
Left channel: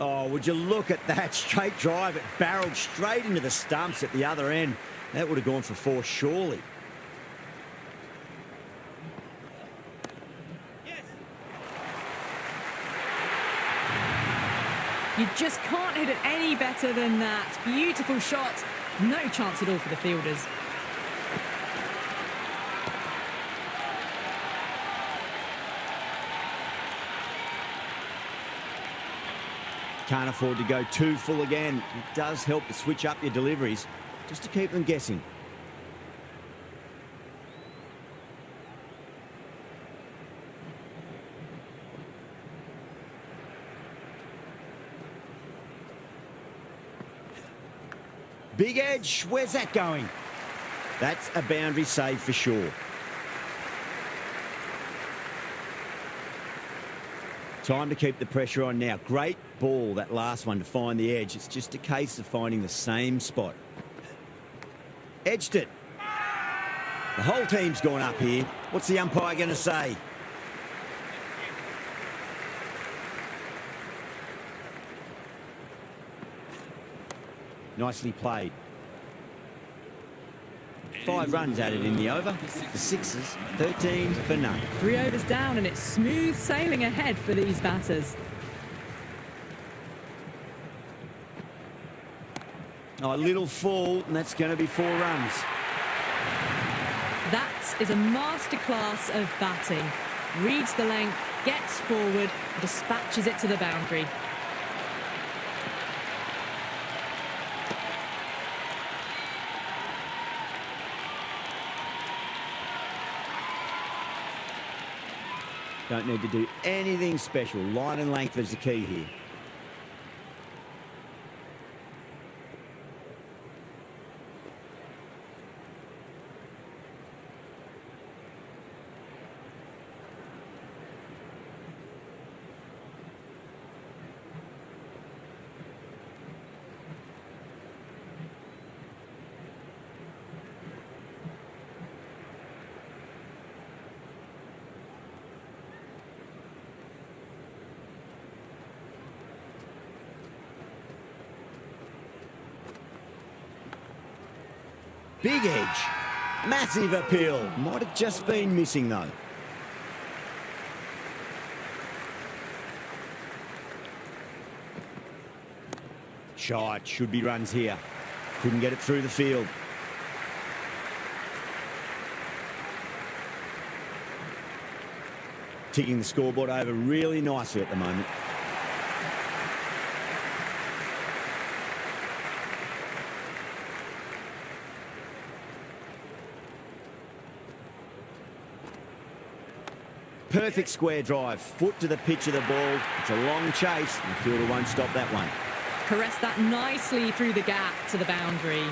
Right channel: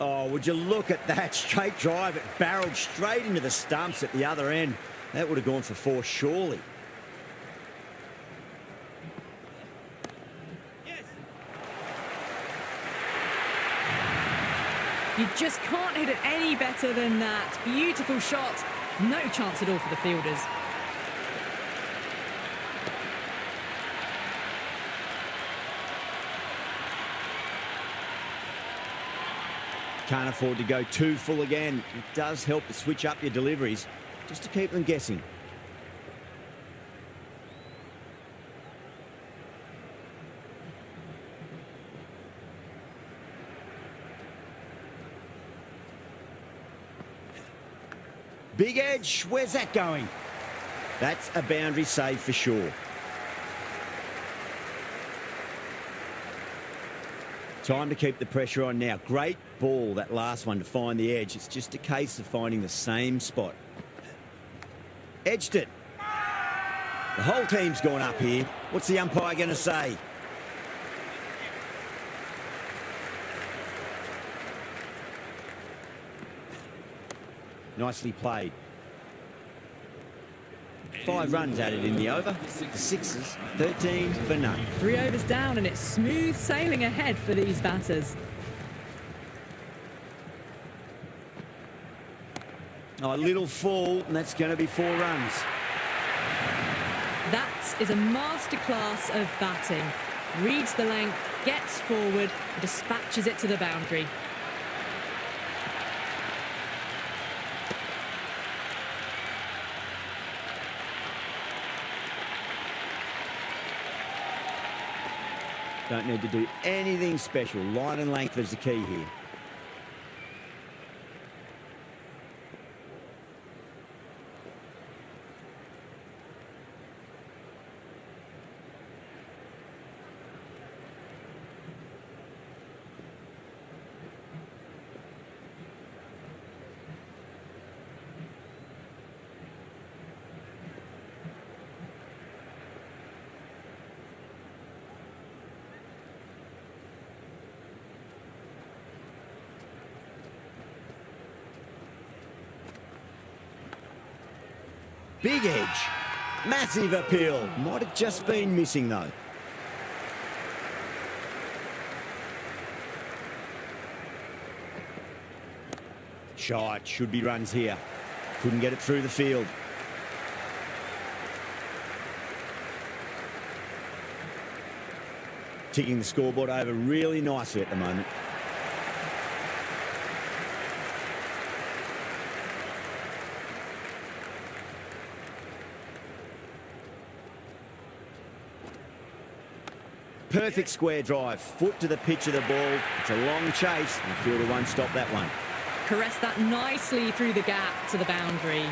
Oh, would you look at that straight drive? It barreled straight into the stumps at the other end. That would have gone for 4, surely. You just can't hit it any better than that. Beautiful shot. No chance at all for the fielders. Can't afford to go too full again. It does help to switch up your deliveries, just to keep them guessing. Big edge, where's that going? That's a boundary save for sure. Time to keep the pressure on now. Great ball, that last one, to find the edge. It's just a case of finding the same spot. Edged it. The whole team's gone up here. What's the umpire going to say? Nicely played. 5 runs added in the over. The sixes, 13 for none. 3 overs down and it's smooth sailing ahead for these batters. Oh, a little fall, and that's going to be 4 runs. That is a masterclass of batting. Reads the length, gets forward, and dispatches it to the boundary. Don't need to do anything special. Line and length is the key here. Big edge. Massive appeal. Might have just been missing, though. Shot. Should be runs here. Couldn't get it through the field. Ticking the scoreboard over really nicely at the moment. Perfect square drive, foot to the pitch of the ball. It's a long chase, and the fielder won't stop that one. Caressed that nicely through the gap to the boundary.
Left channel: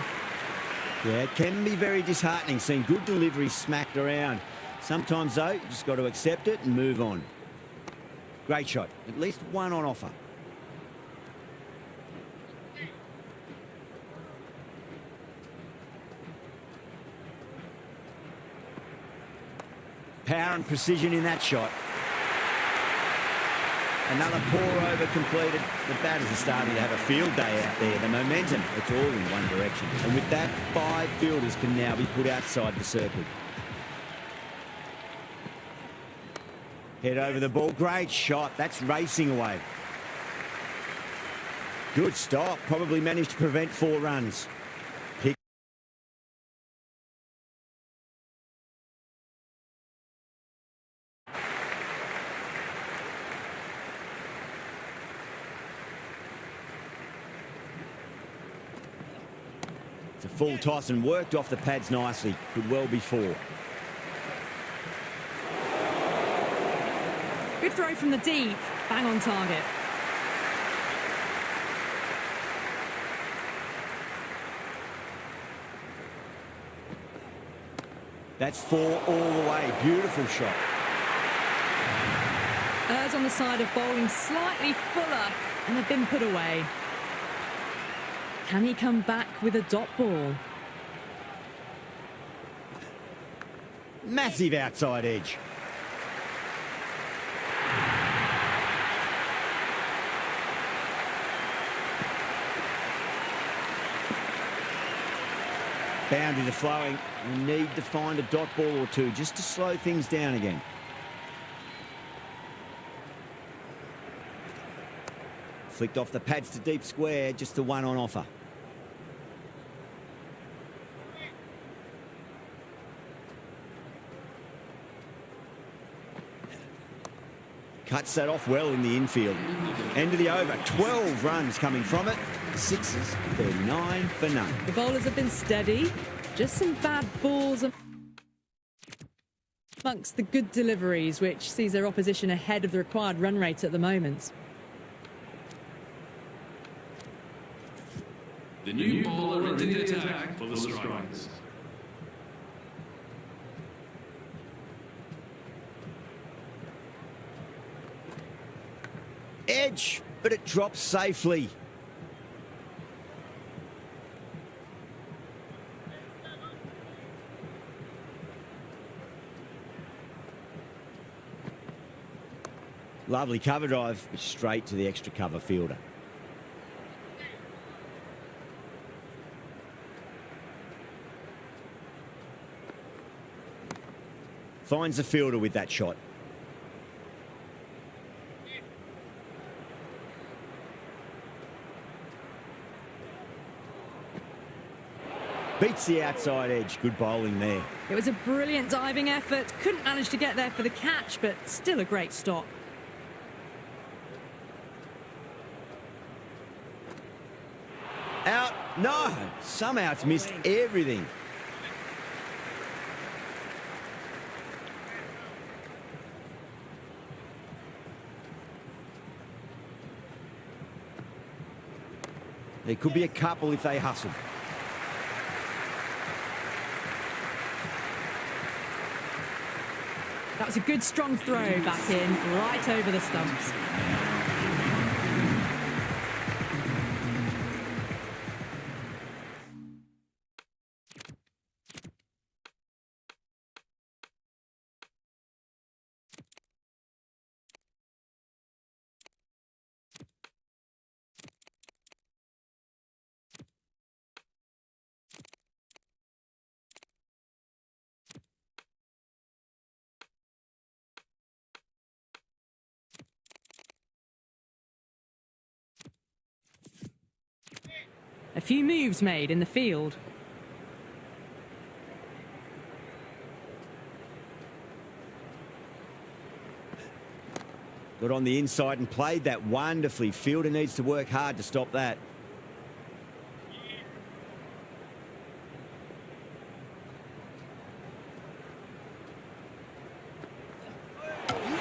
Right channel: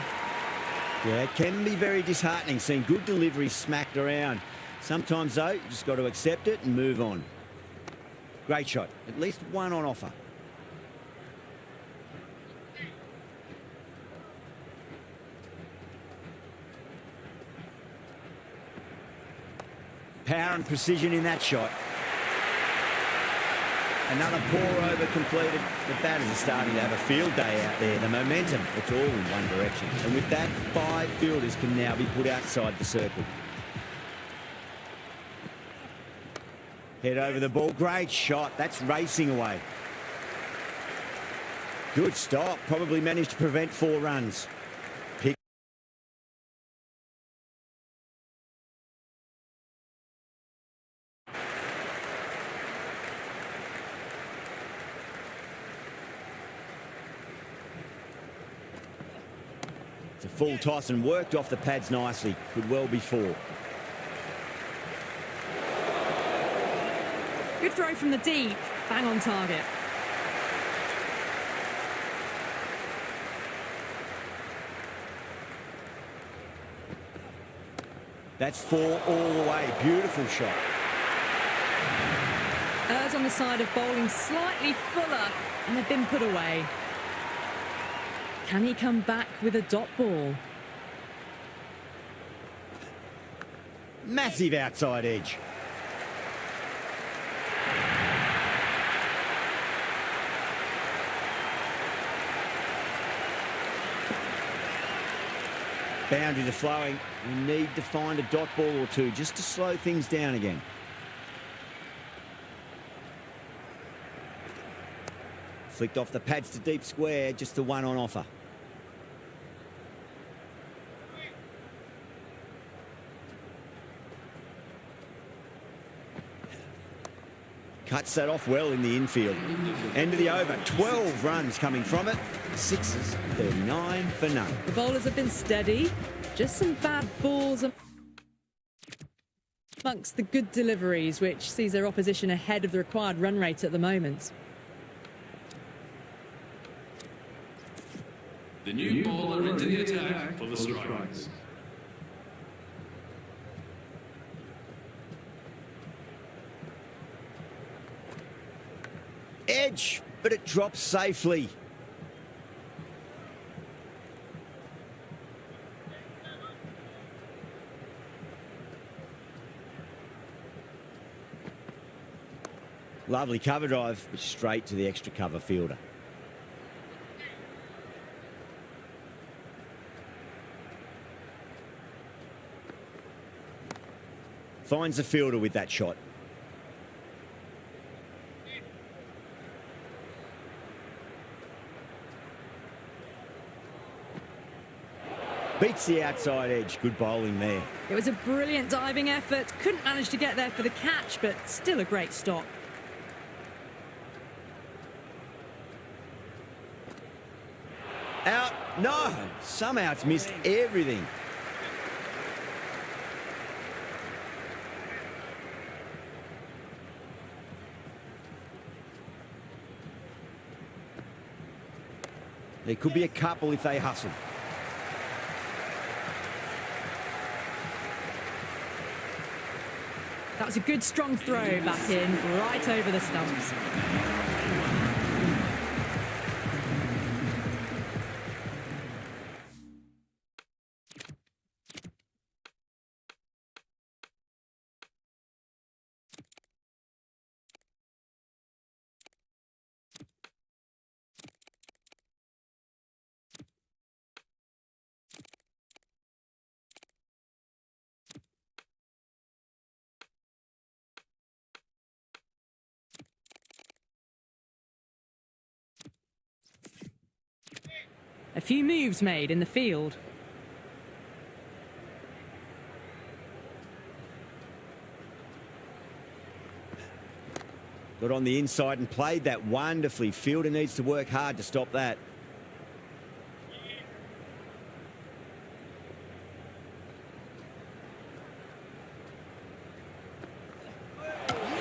Yeah, it can be very disheartening seeing good delivery smacked around. Sometimes, though, you just got to accept it and move on. Great shot. At least one on offer. Power and precision in that shot. Another poor over completed. The batters are starting to have a field day out there. The momentum, it's all in one direction. And with that, 5 fielders can now be put outside the circle. Head over the ball. Great shot. That's racing away. Good stop. Probably managed to prevent 4 runs. It's a full toss and worked off the pads nicely. Could well be 4. Good throw from the deep. Bang on target. That's 4 all the way. Beautiful shot. Errs on the side of bowling slightly fuller, and they've been put away. Can he come back with a dot ball? Massive outside edge. Boundaries are flowing. We need to find a dot ball or 2 just to slow things down again. Flicked off the pads to deep square, just the 1 on offer. Cuts that off well in the infield. End of the over. 12 runs coming from it. Sixes, 39 for none. The bowlers have been steady. Just some bad balls amongst the good deliveries, which sees their opposition ahead of the required run rate at the moment. The new bowler into the attack for the Strikers. Edge, but it drops safely. Lovely cover drive, but straight to the extra cover fielder. Finds the fielder with that shot. Beats the outside edge. Good bowling there. It was a brilliant diving effort. Couldn't manage to get there for the catch, but still a great stop. Out. No. Somehow it's missed everything. There could be a couple if they hustle. That was a good strong throw back in, right over the stumps. A few moves made in the field. Got on the inside and played that wonderfully. Fielder needs to work hard to stop that.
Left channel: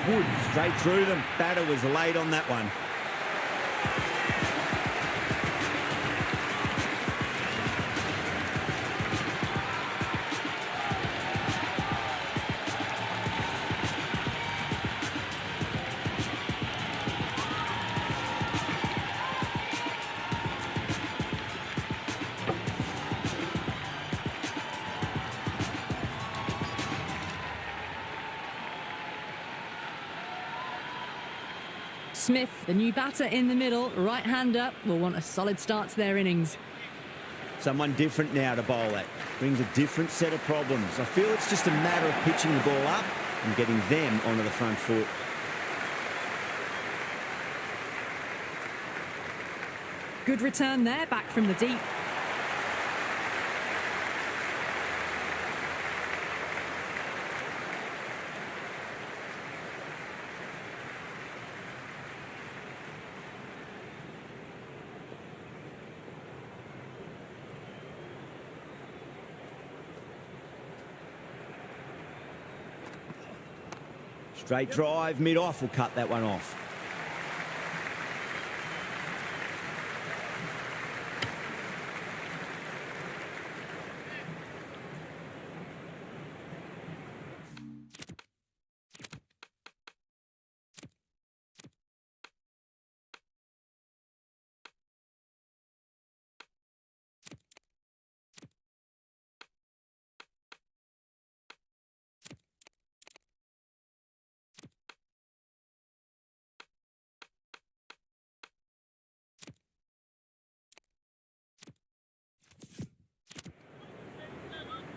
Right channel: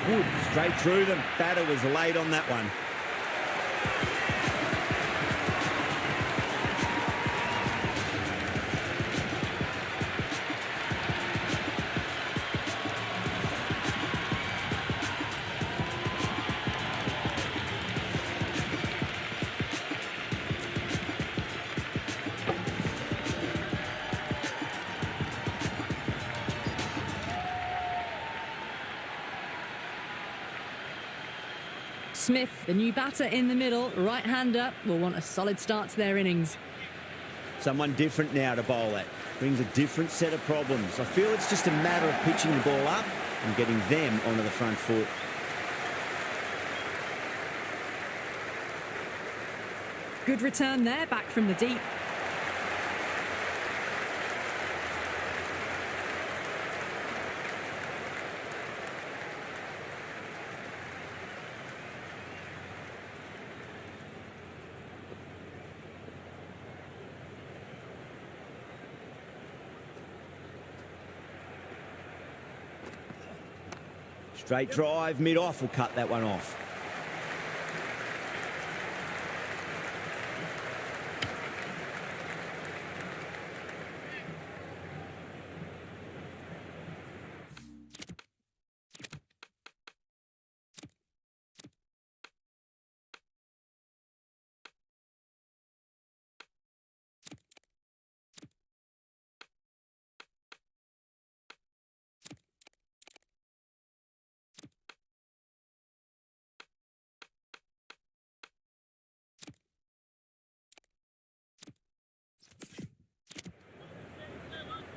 Wood straight through them. Batter was late on that one. Smith, the new batter in the middle, right-hander, will want a solid start to their innings. Someone different now to bowl at. Brings a different set of problems. I feel it's just a matter of pitching the ball up and getting them onto the front foot. Good return there, back from the deep. Straight drive, mid-off will cut that one off.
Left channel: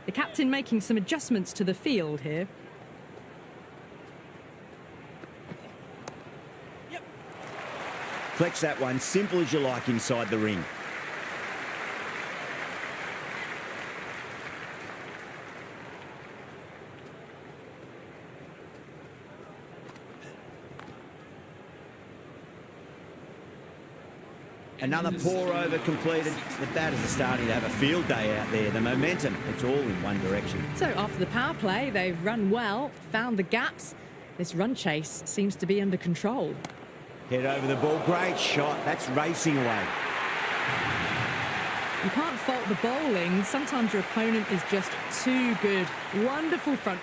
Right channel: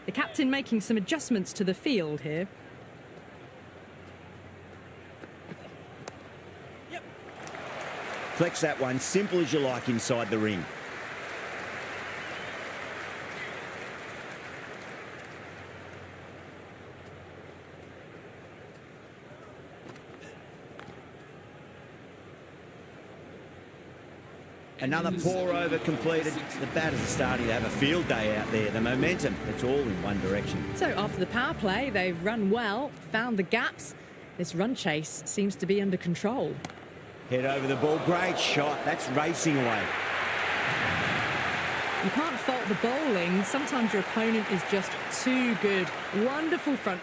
The captain making some adjustments to the field here. Flex that one, simple as you like inside the ring. Another pour over completed. The batters are starting to have a field day out there. The momentum, it's all in one direction. So after the power play, they've run well, found the gaps. This run chase seems to be under control. Head over the ball, great shot. That's racing away. You can't fault the bowling. Sometimes your opponent is just too good. Wonderful front.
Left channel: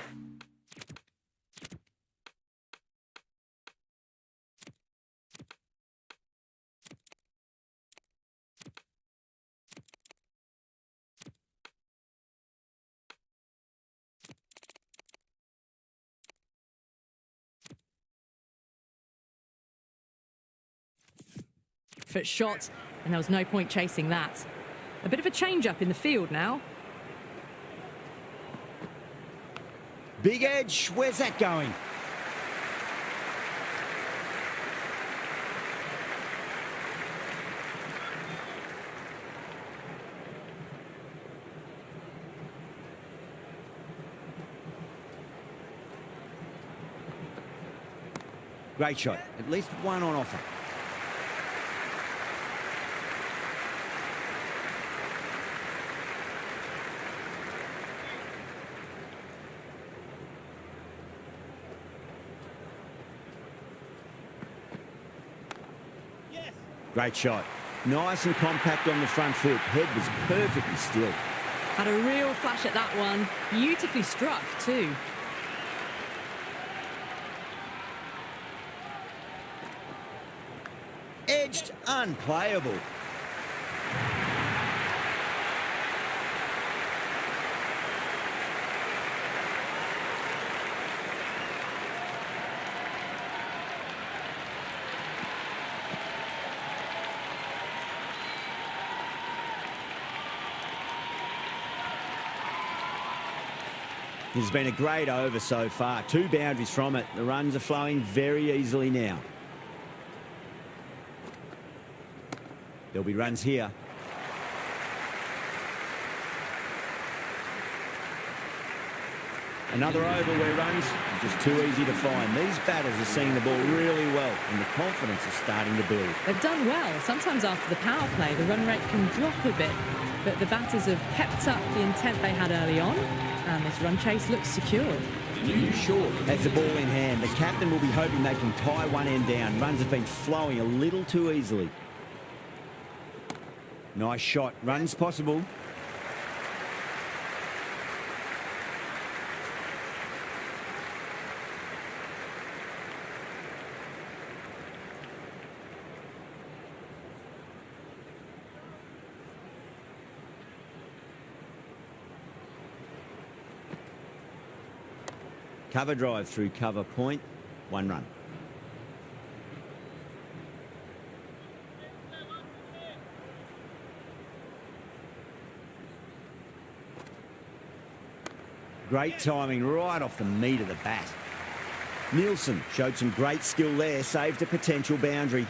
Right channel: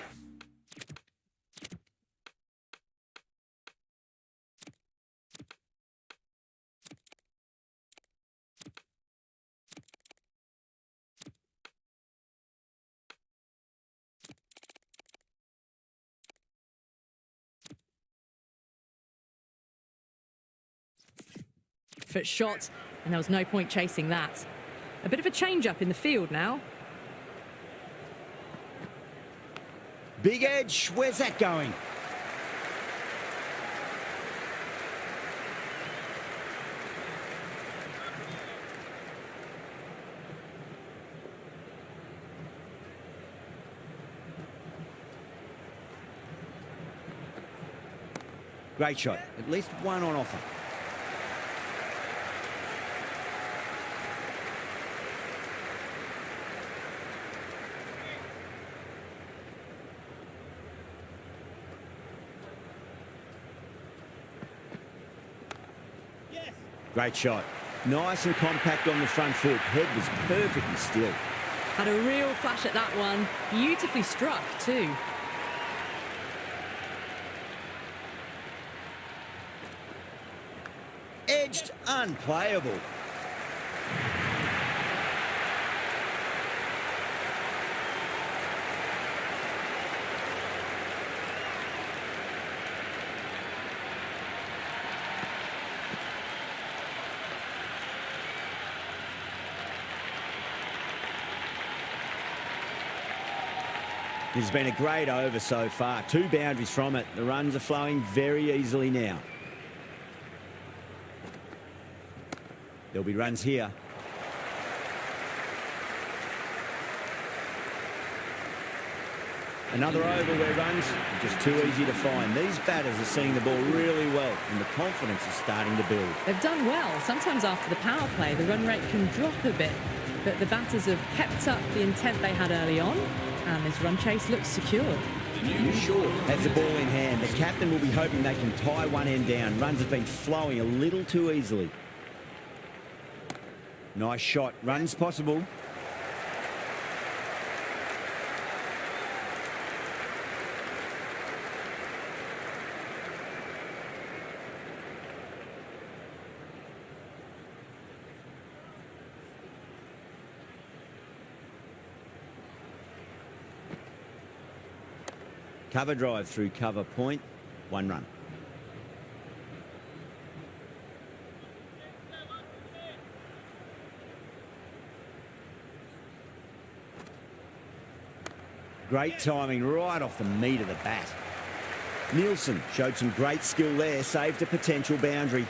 Foot shot, and there was no point chasing that. A bit of a change-up in the field now. Big edge, where's that going? Great shot, at least one on offer. Great shot. Nice and compact on the front foot. Head was perfectly still. Had a real flash at that one. Beautifully struck too. Edged, unplayable. This has been a great over so far. 2 boundaries from it. The runs are flowing very easily now. There'll be runs here. Another over where runs are just too easy to find. These batters are seeing the ball really well, and the confidence is starting to build. They've done well. Sometimes after the power play, the run rate can drop a bit, but the batters have kept up the intent they had early on, and this run chase looks secure. Short has the ball in hand. The captain will be hoping they can tie one end down. Runs have been flowing a little too easily. Nice shot. Runs possible. Cover drive through cover point. 1 run. Great timing right off the meat of the bat. Nielsen showed some great skill there, saved a potential boundary.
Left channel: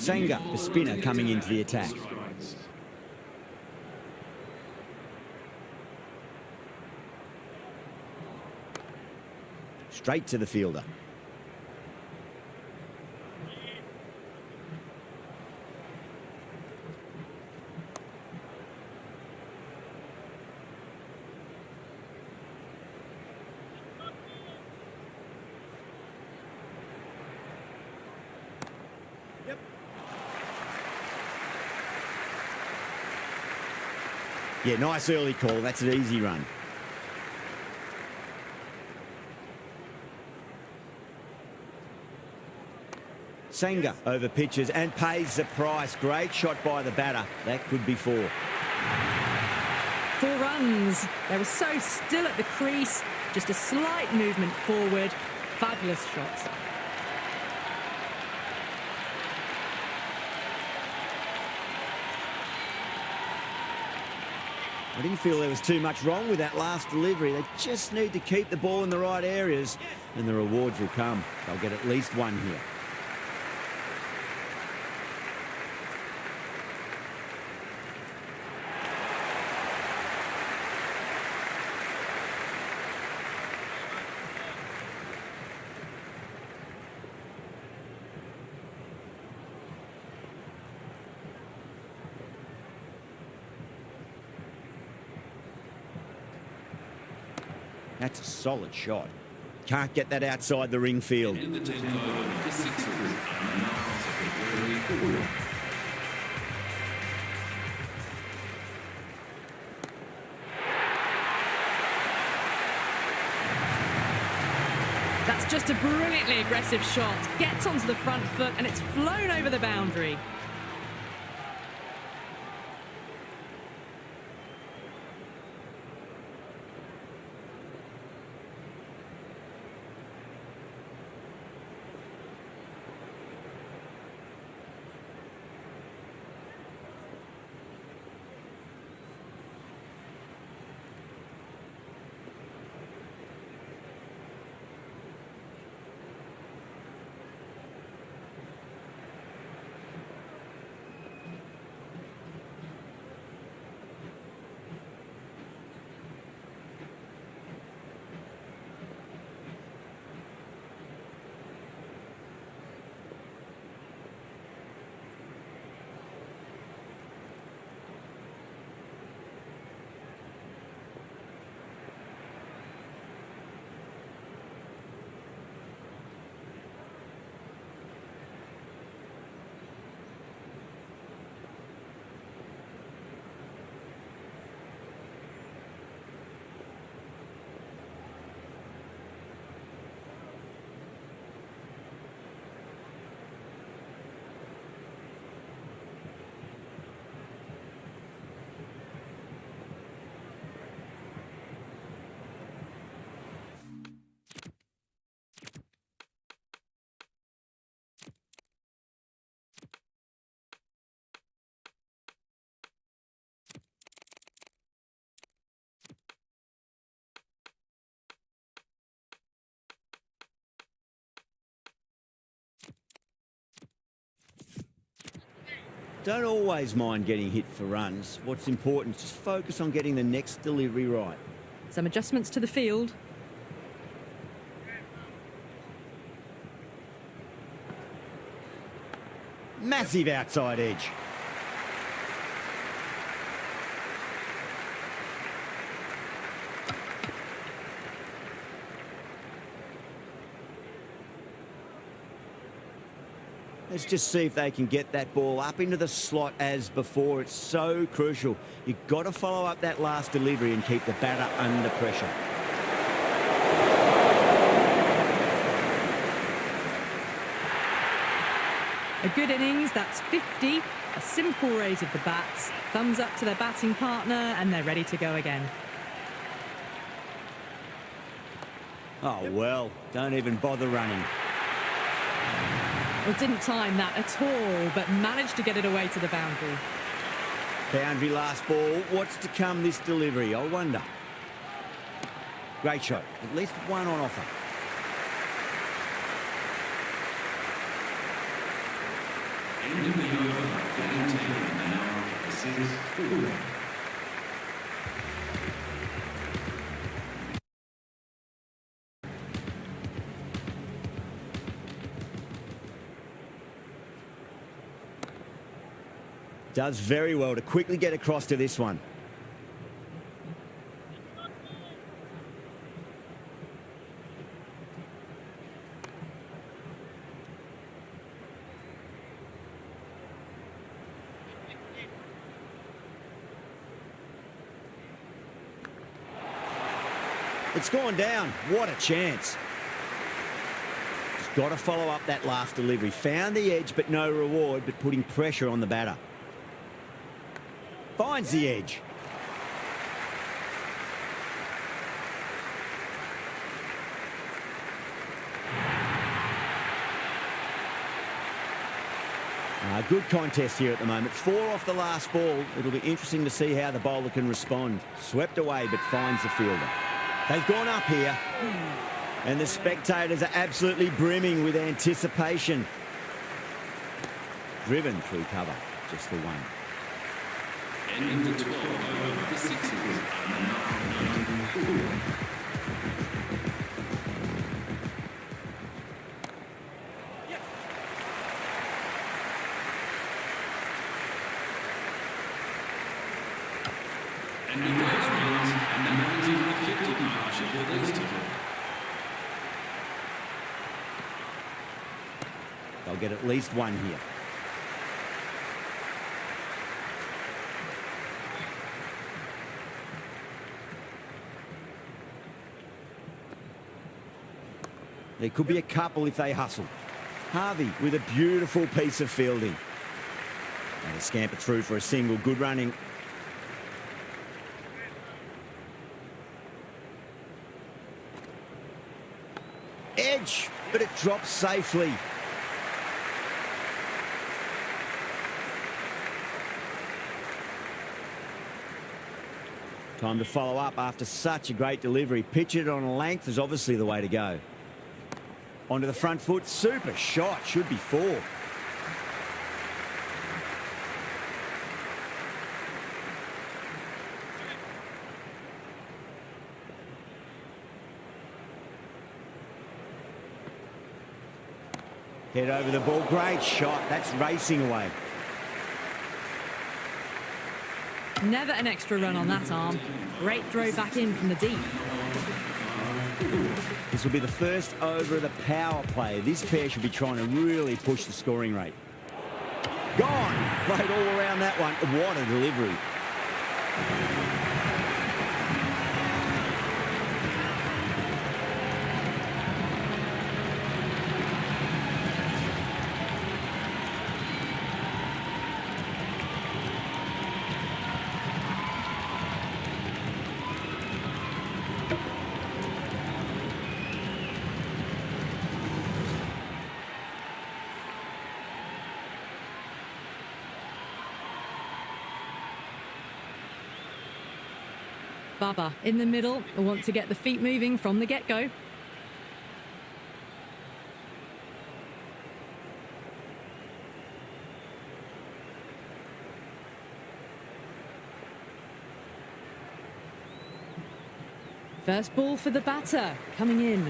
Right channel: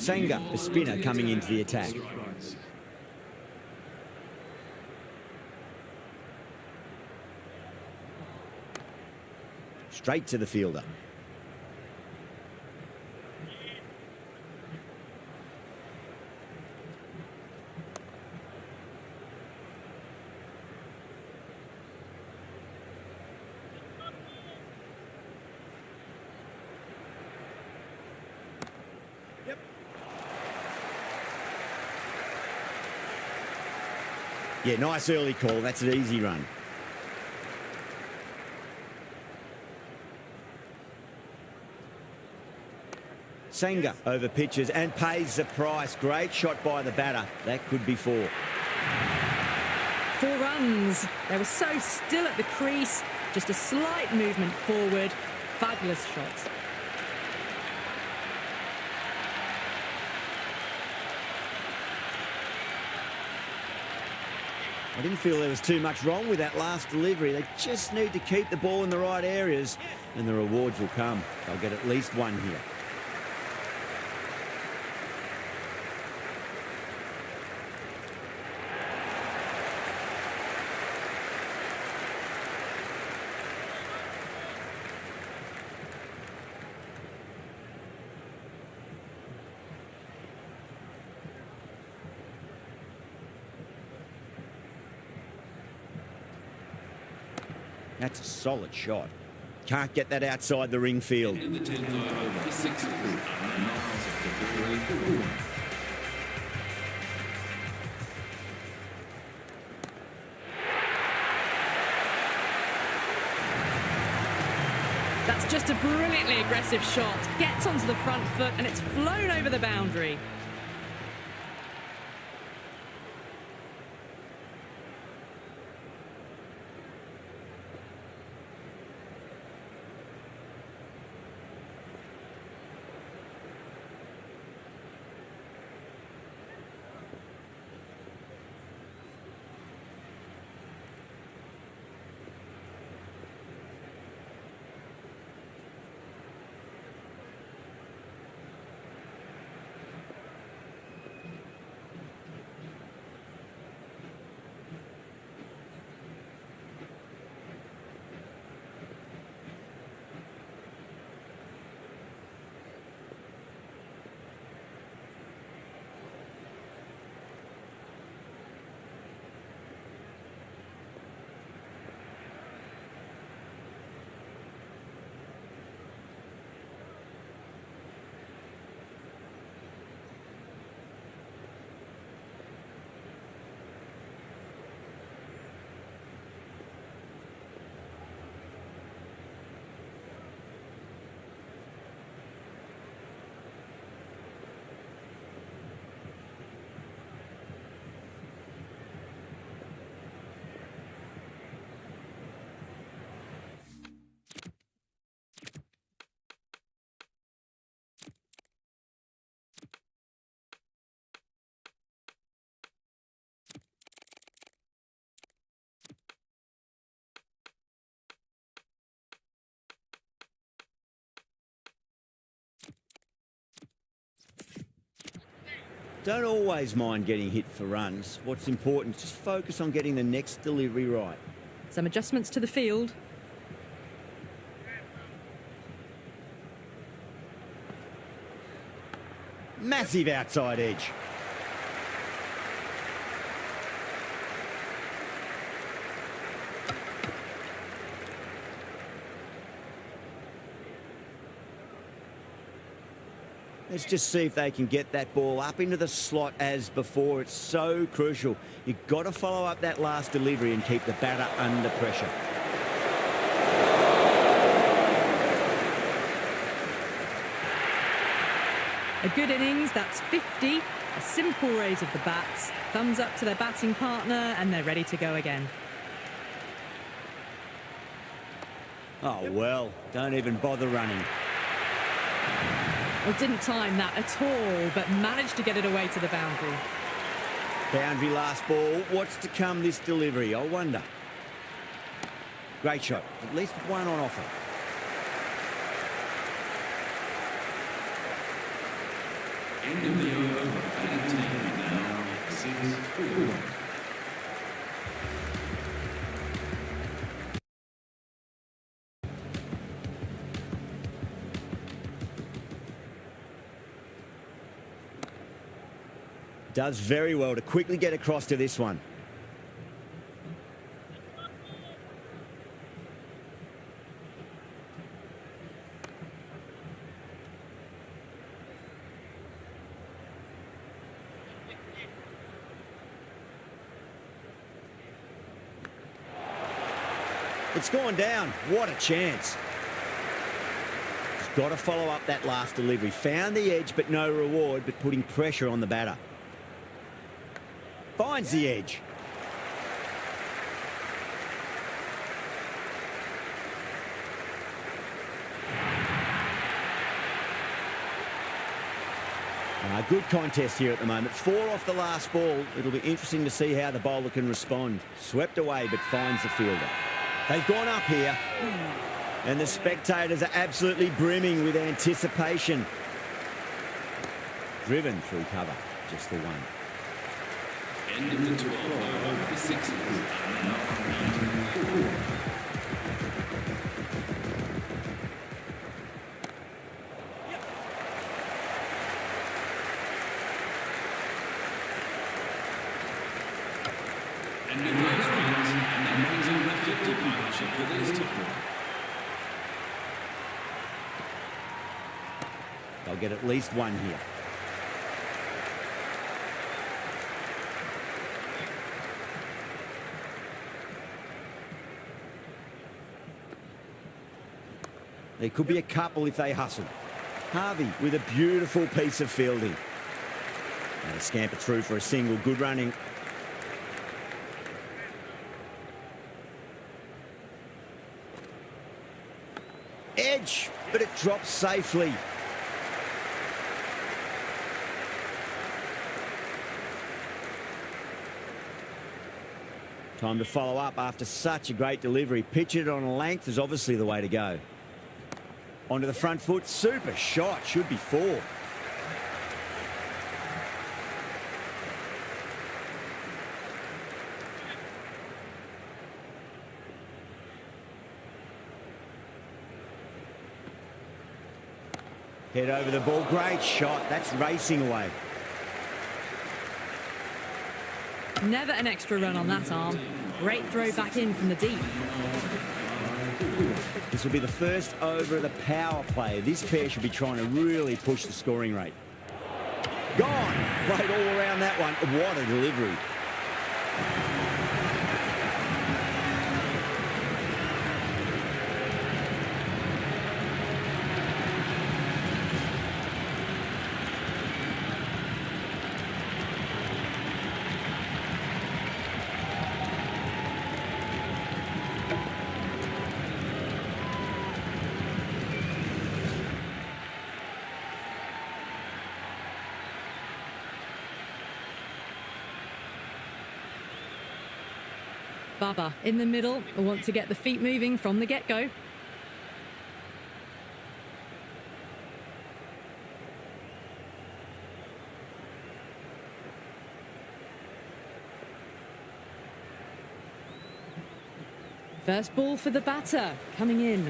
Senga, the spinner, coming into the attack. Strikers. Straight to the fielder. Yeah, nice early call. That's an easy run. Senga over pitches and pays the price. Great shot by the batter. That could be 4. 4 runs. They were so still at the crease. Just a slight movement forward. Fabulous shots. I didn't feel there was too much wrong with that last delivery. They just need to keep the ball in the right areas and the rewards will come. They'll get at least 1 here. That's a solid shot. Can't get that outside the ring field. Into the 10th over. The Sixers are now securing their 4. That's just a brilliantly aggressive shot. Gets onto the front foot and it's flown over the boundary. Don't always mind getting hit for runs. What's important is just focus on getting the next delivery right. Some adjustments to the field. Massive outside edge. Let's just see if they can get that ball up into the slot as before. It's so crucial. You've got to follow up that last delivery and keep the batter under pressure. A good innings, that's 50. A simple raise of the bats. Thumbs up to their batting partner and they're ready to go again. Oh, well, don't even bother running. Well, didn't time that at all, but managed to get it away to the boundary. Boundary last ball. What's to come this delivery, I wonder. Great shot. At least 1 on offer. End of the over. The batting team are now at 6 all. Does very well to quickly get across to this one. It's gone down. What a chance. He's got to follow up that last delivery. Found the edge, but no reward, but putting pressure on the batter. Finds the edge. Good contest here at the moment. 4 off the last ball. It'll be interesting to see how the bowler can respond. Swept away, but finds the fielder. They've gone up here. And the spectators are absolutely brimming with anticipation. Driven through cover. Just the one. End of the 12th over. The Sixers are now 94. And with those runs, and that brings up the 50 partnership for these two. They'll get at least one here. There could be a couple if they hustle. Harvey with a beautiful piece of fielding. And a scamper through for a single. Good running. Edge, but it drops safely. Time to follow up after such a great delivery. Pitch it on a length is obviously the way to go. Onto the front foot. Super shot. Should be 4. Head over the ball. Great shot. That's racing away. Never an extra run on that arm. Great throw back in from the deep. This will be the first over of the power play. This pair should be trying to really push the scoring rate. Gone. Played all around that one. What a delivery. Baba in the middle. Want to get the feet moving from the get-go. First ball for the batter coming in.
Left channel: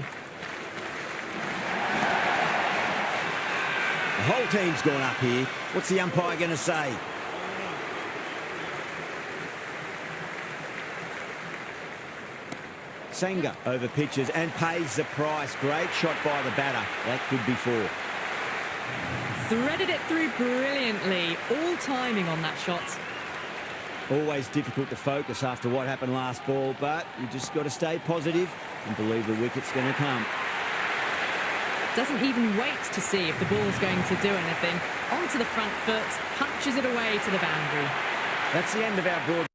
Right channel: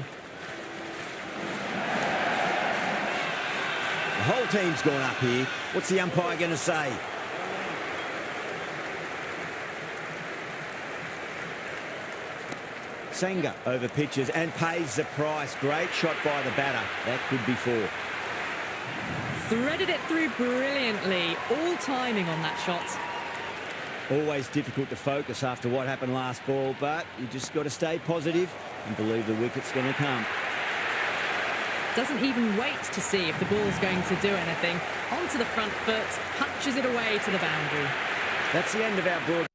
The whole team's gone up here. What's the umpire going to say? Senga over pitches and pays the price. Great shot by the batter. That could be 4. Threaded it through brilliantly. All timing on that shot. Always difficult to focus after what happened last ball, but you just got to stay positive and believe the wicket's going to come. Doesn't even wait to see if the ball's going to do anything. Onto the front foot, punches it away to the boundary. That's the end of our broadcast.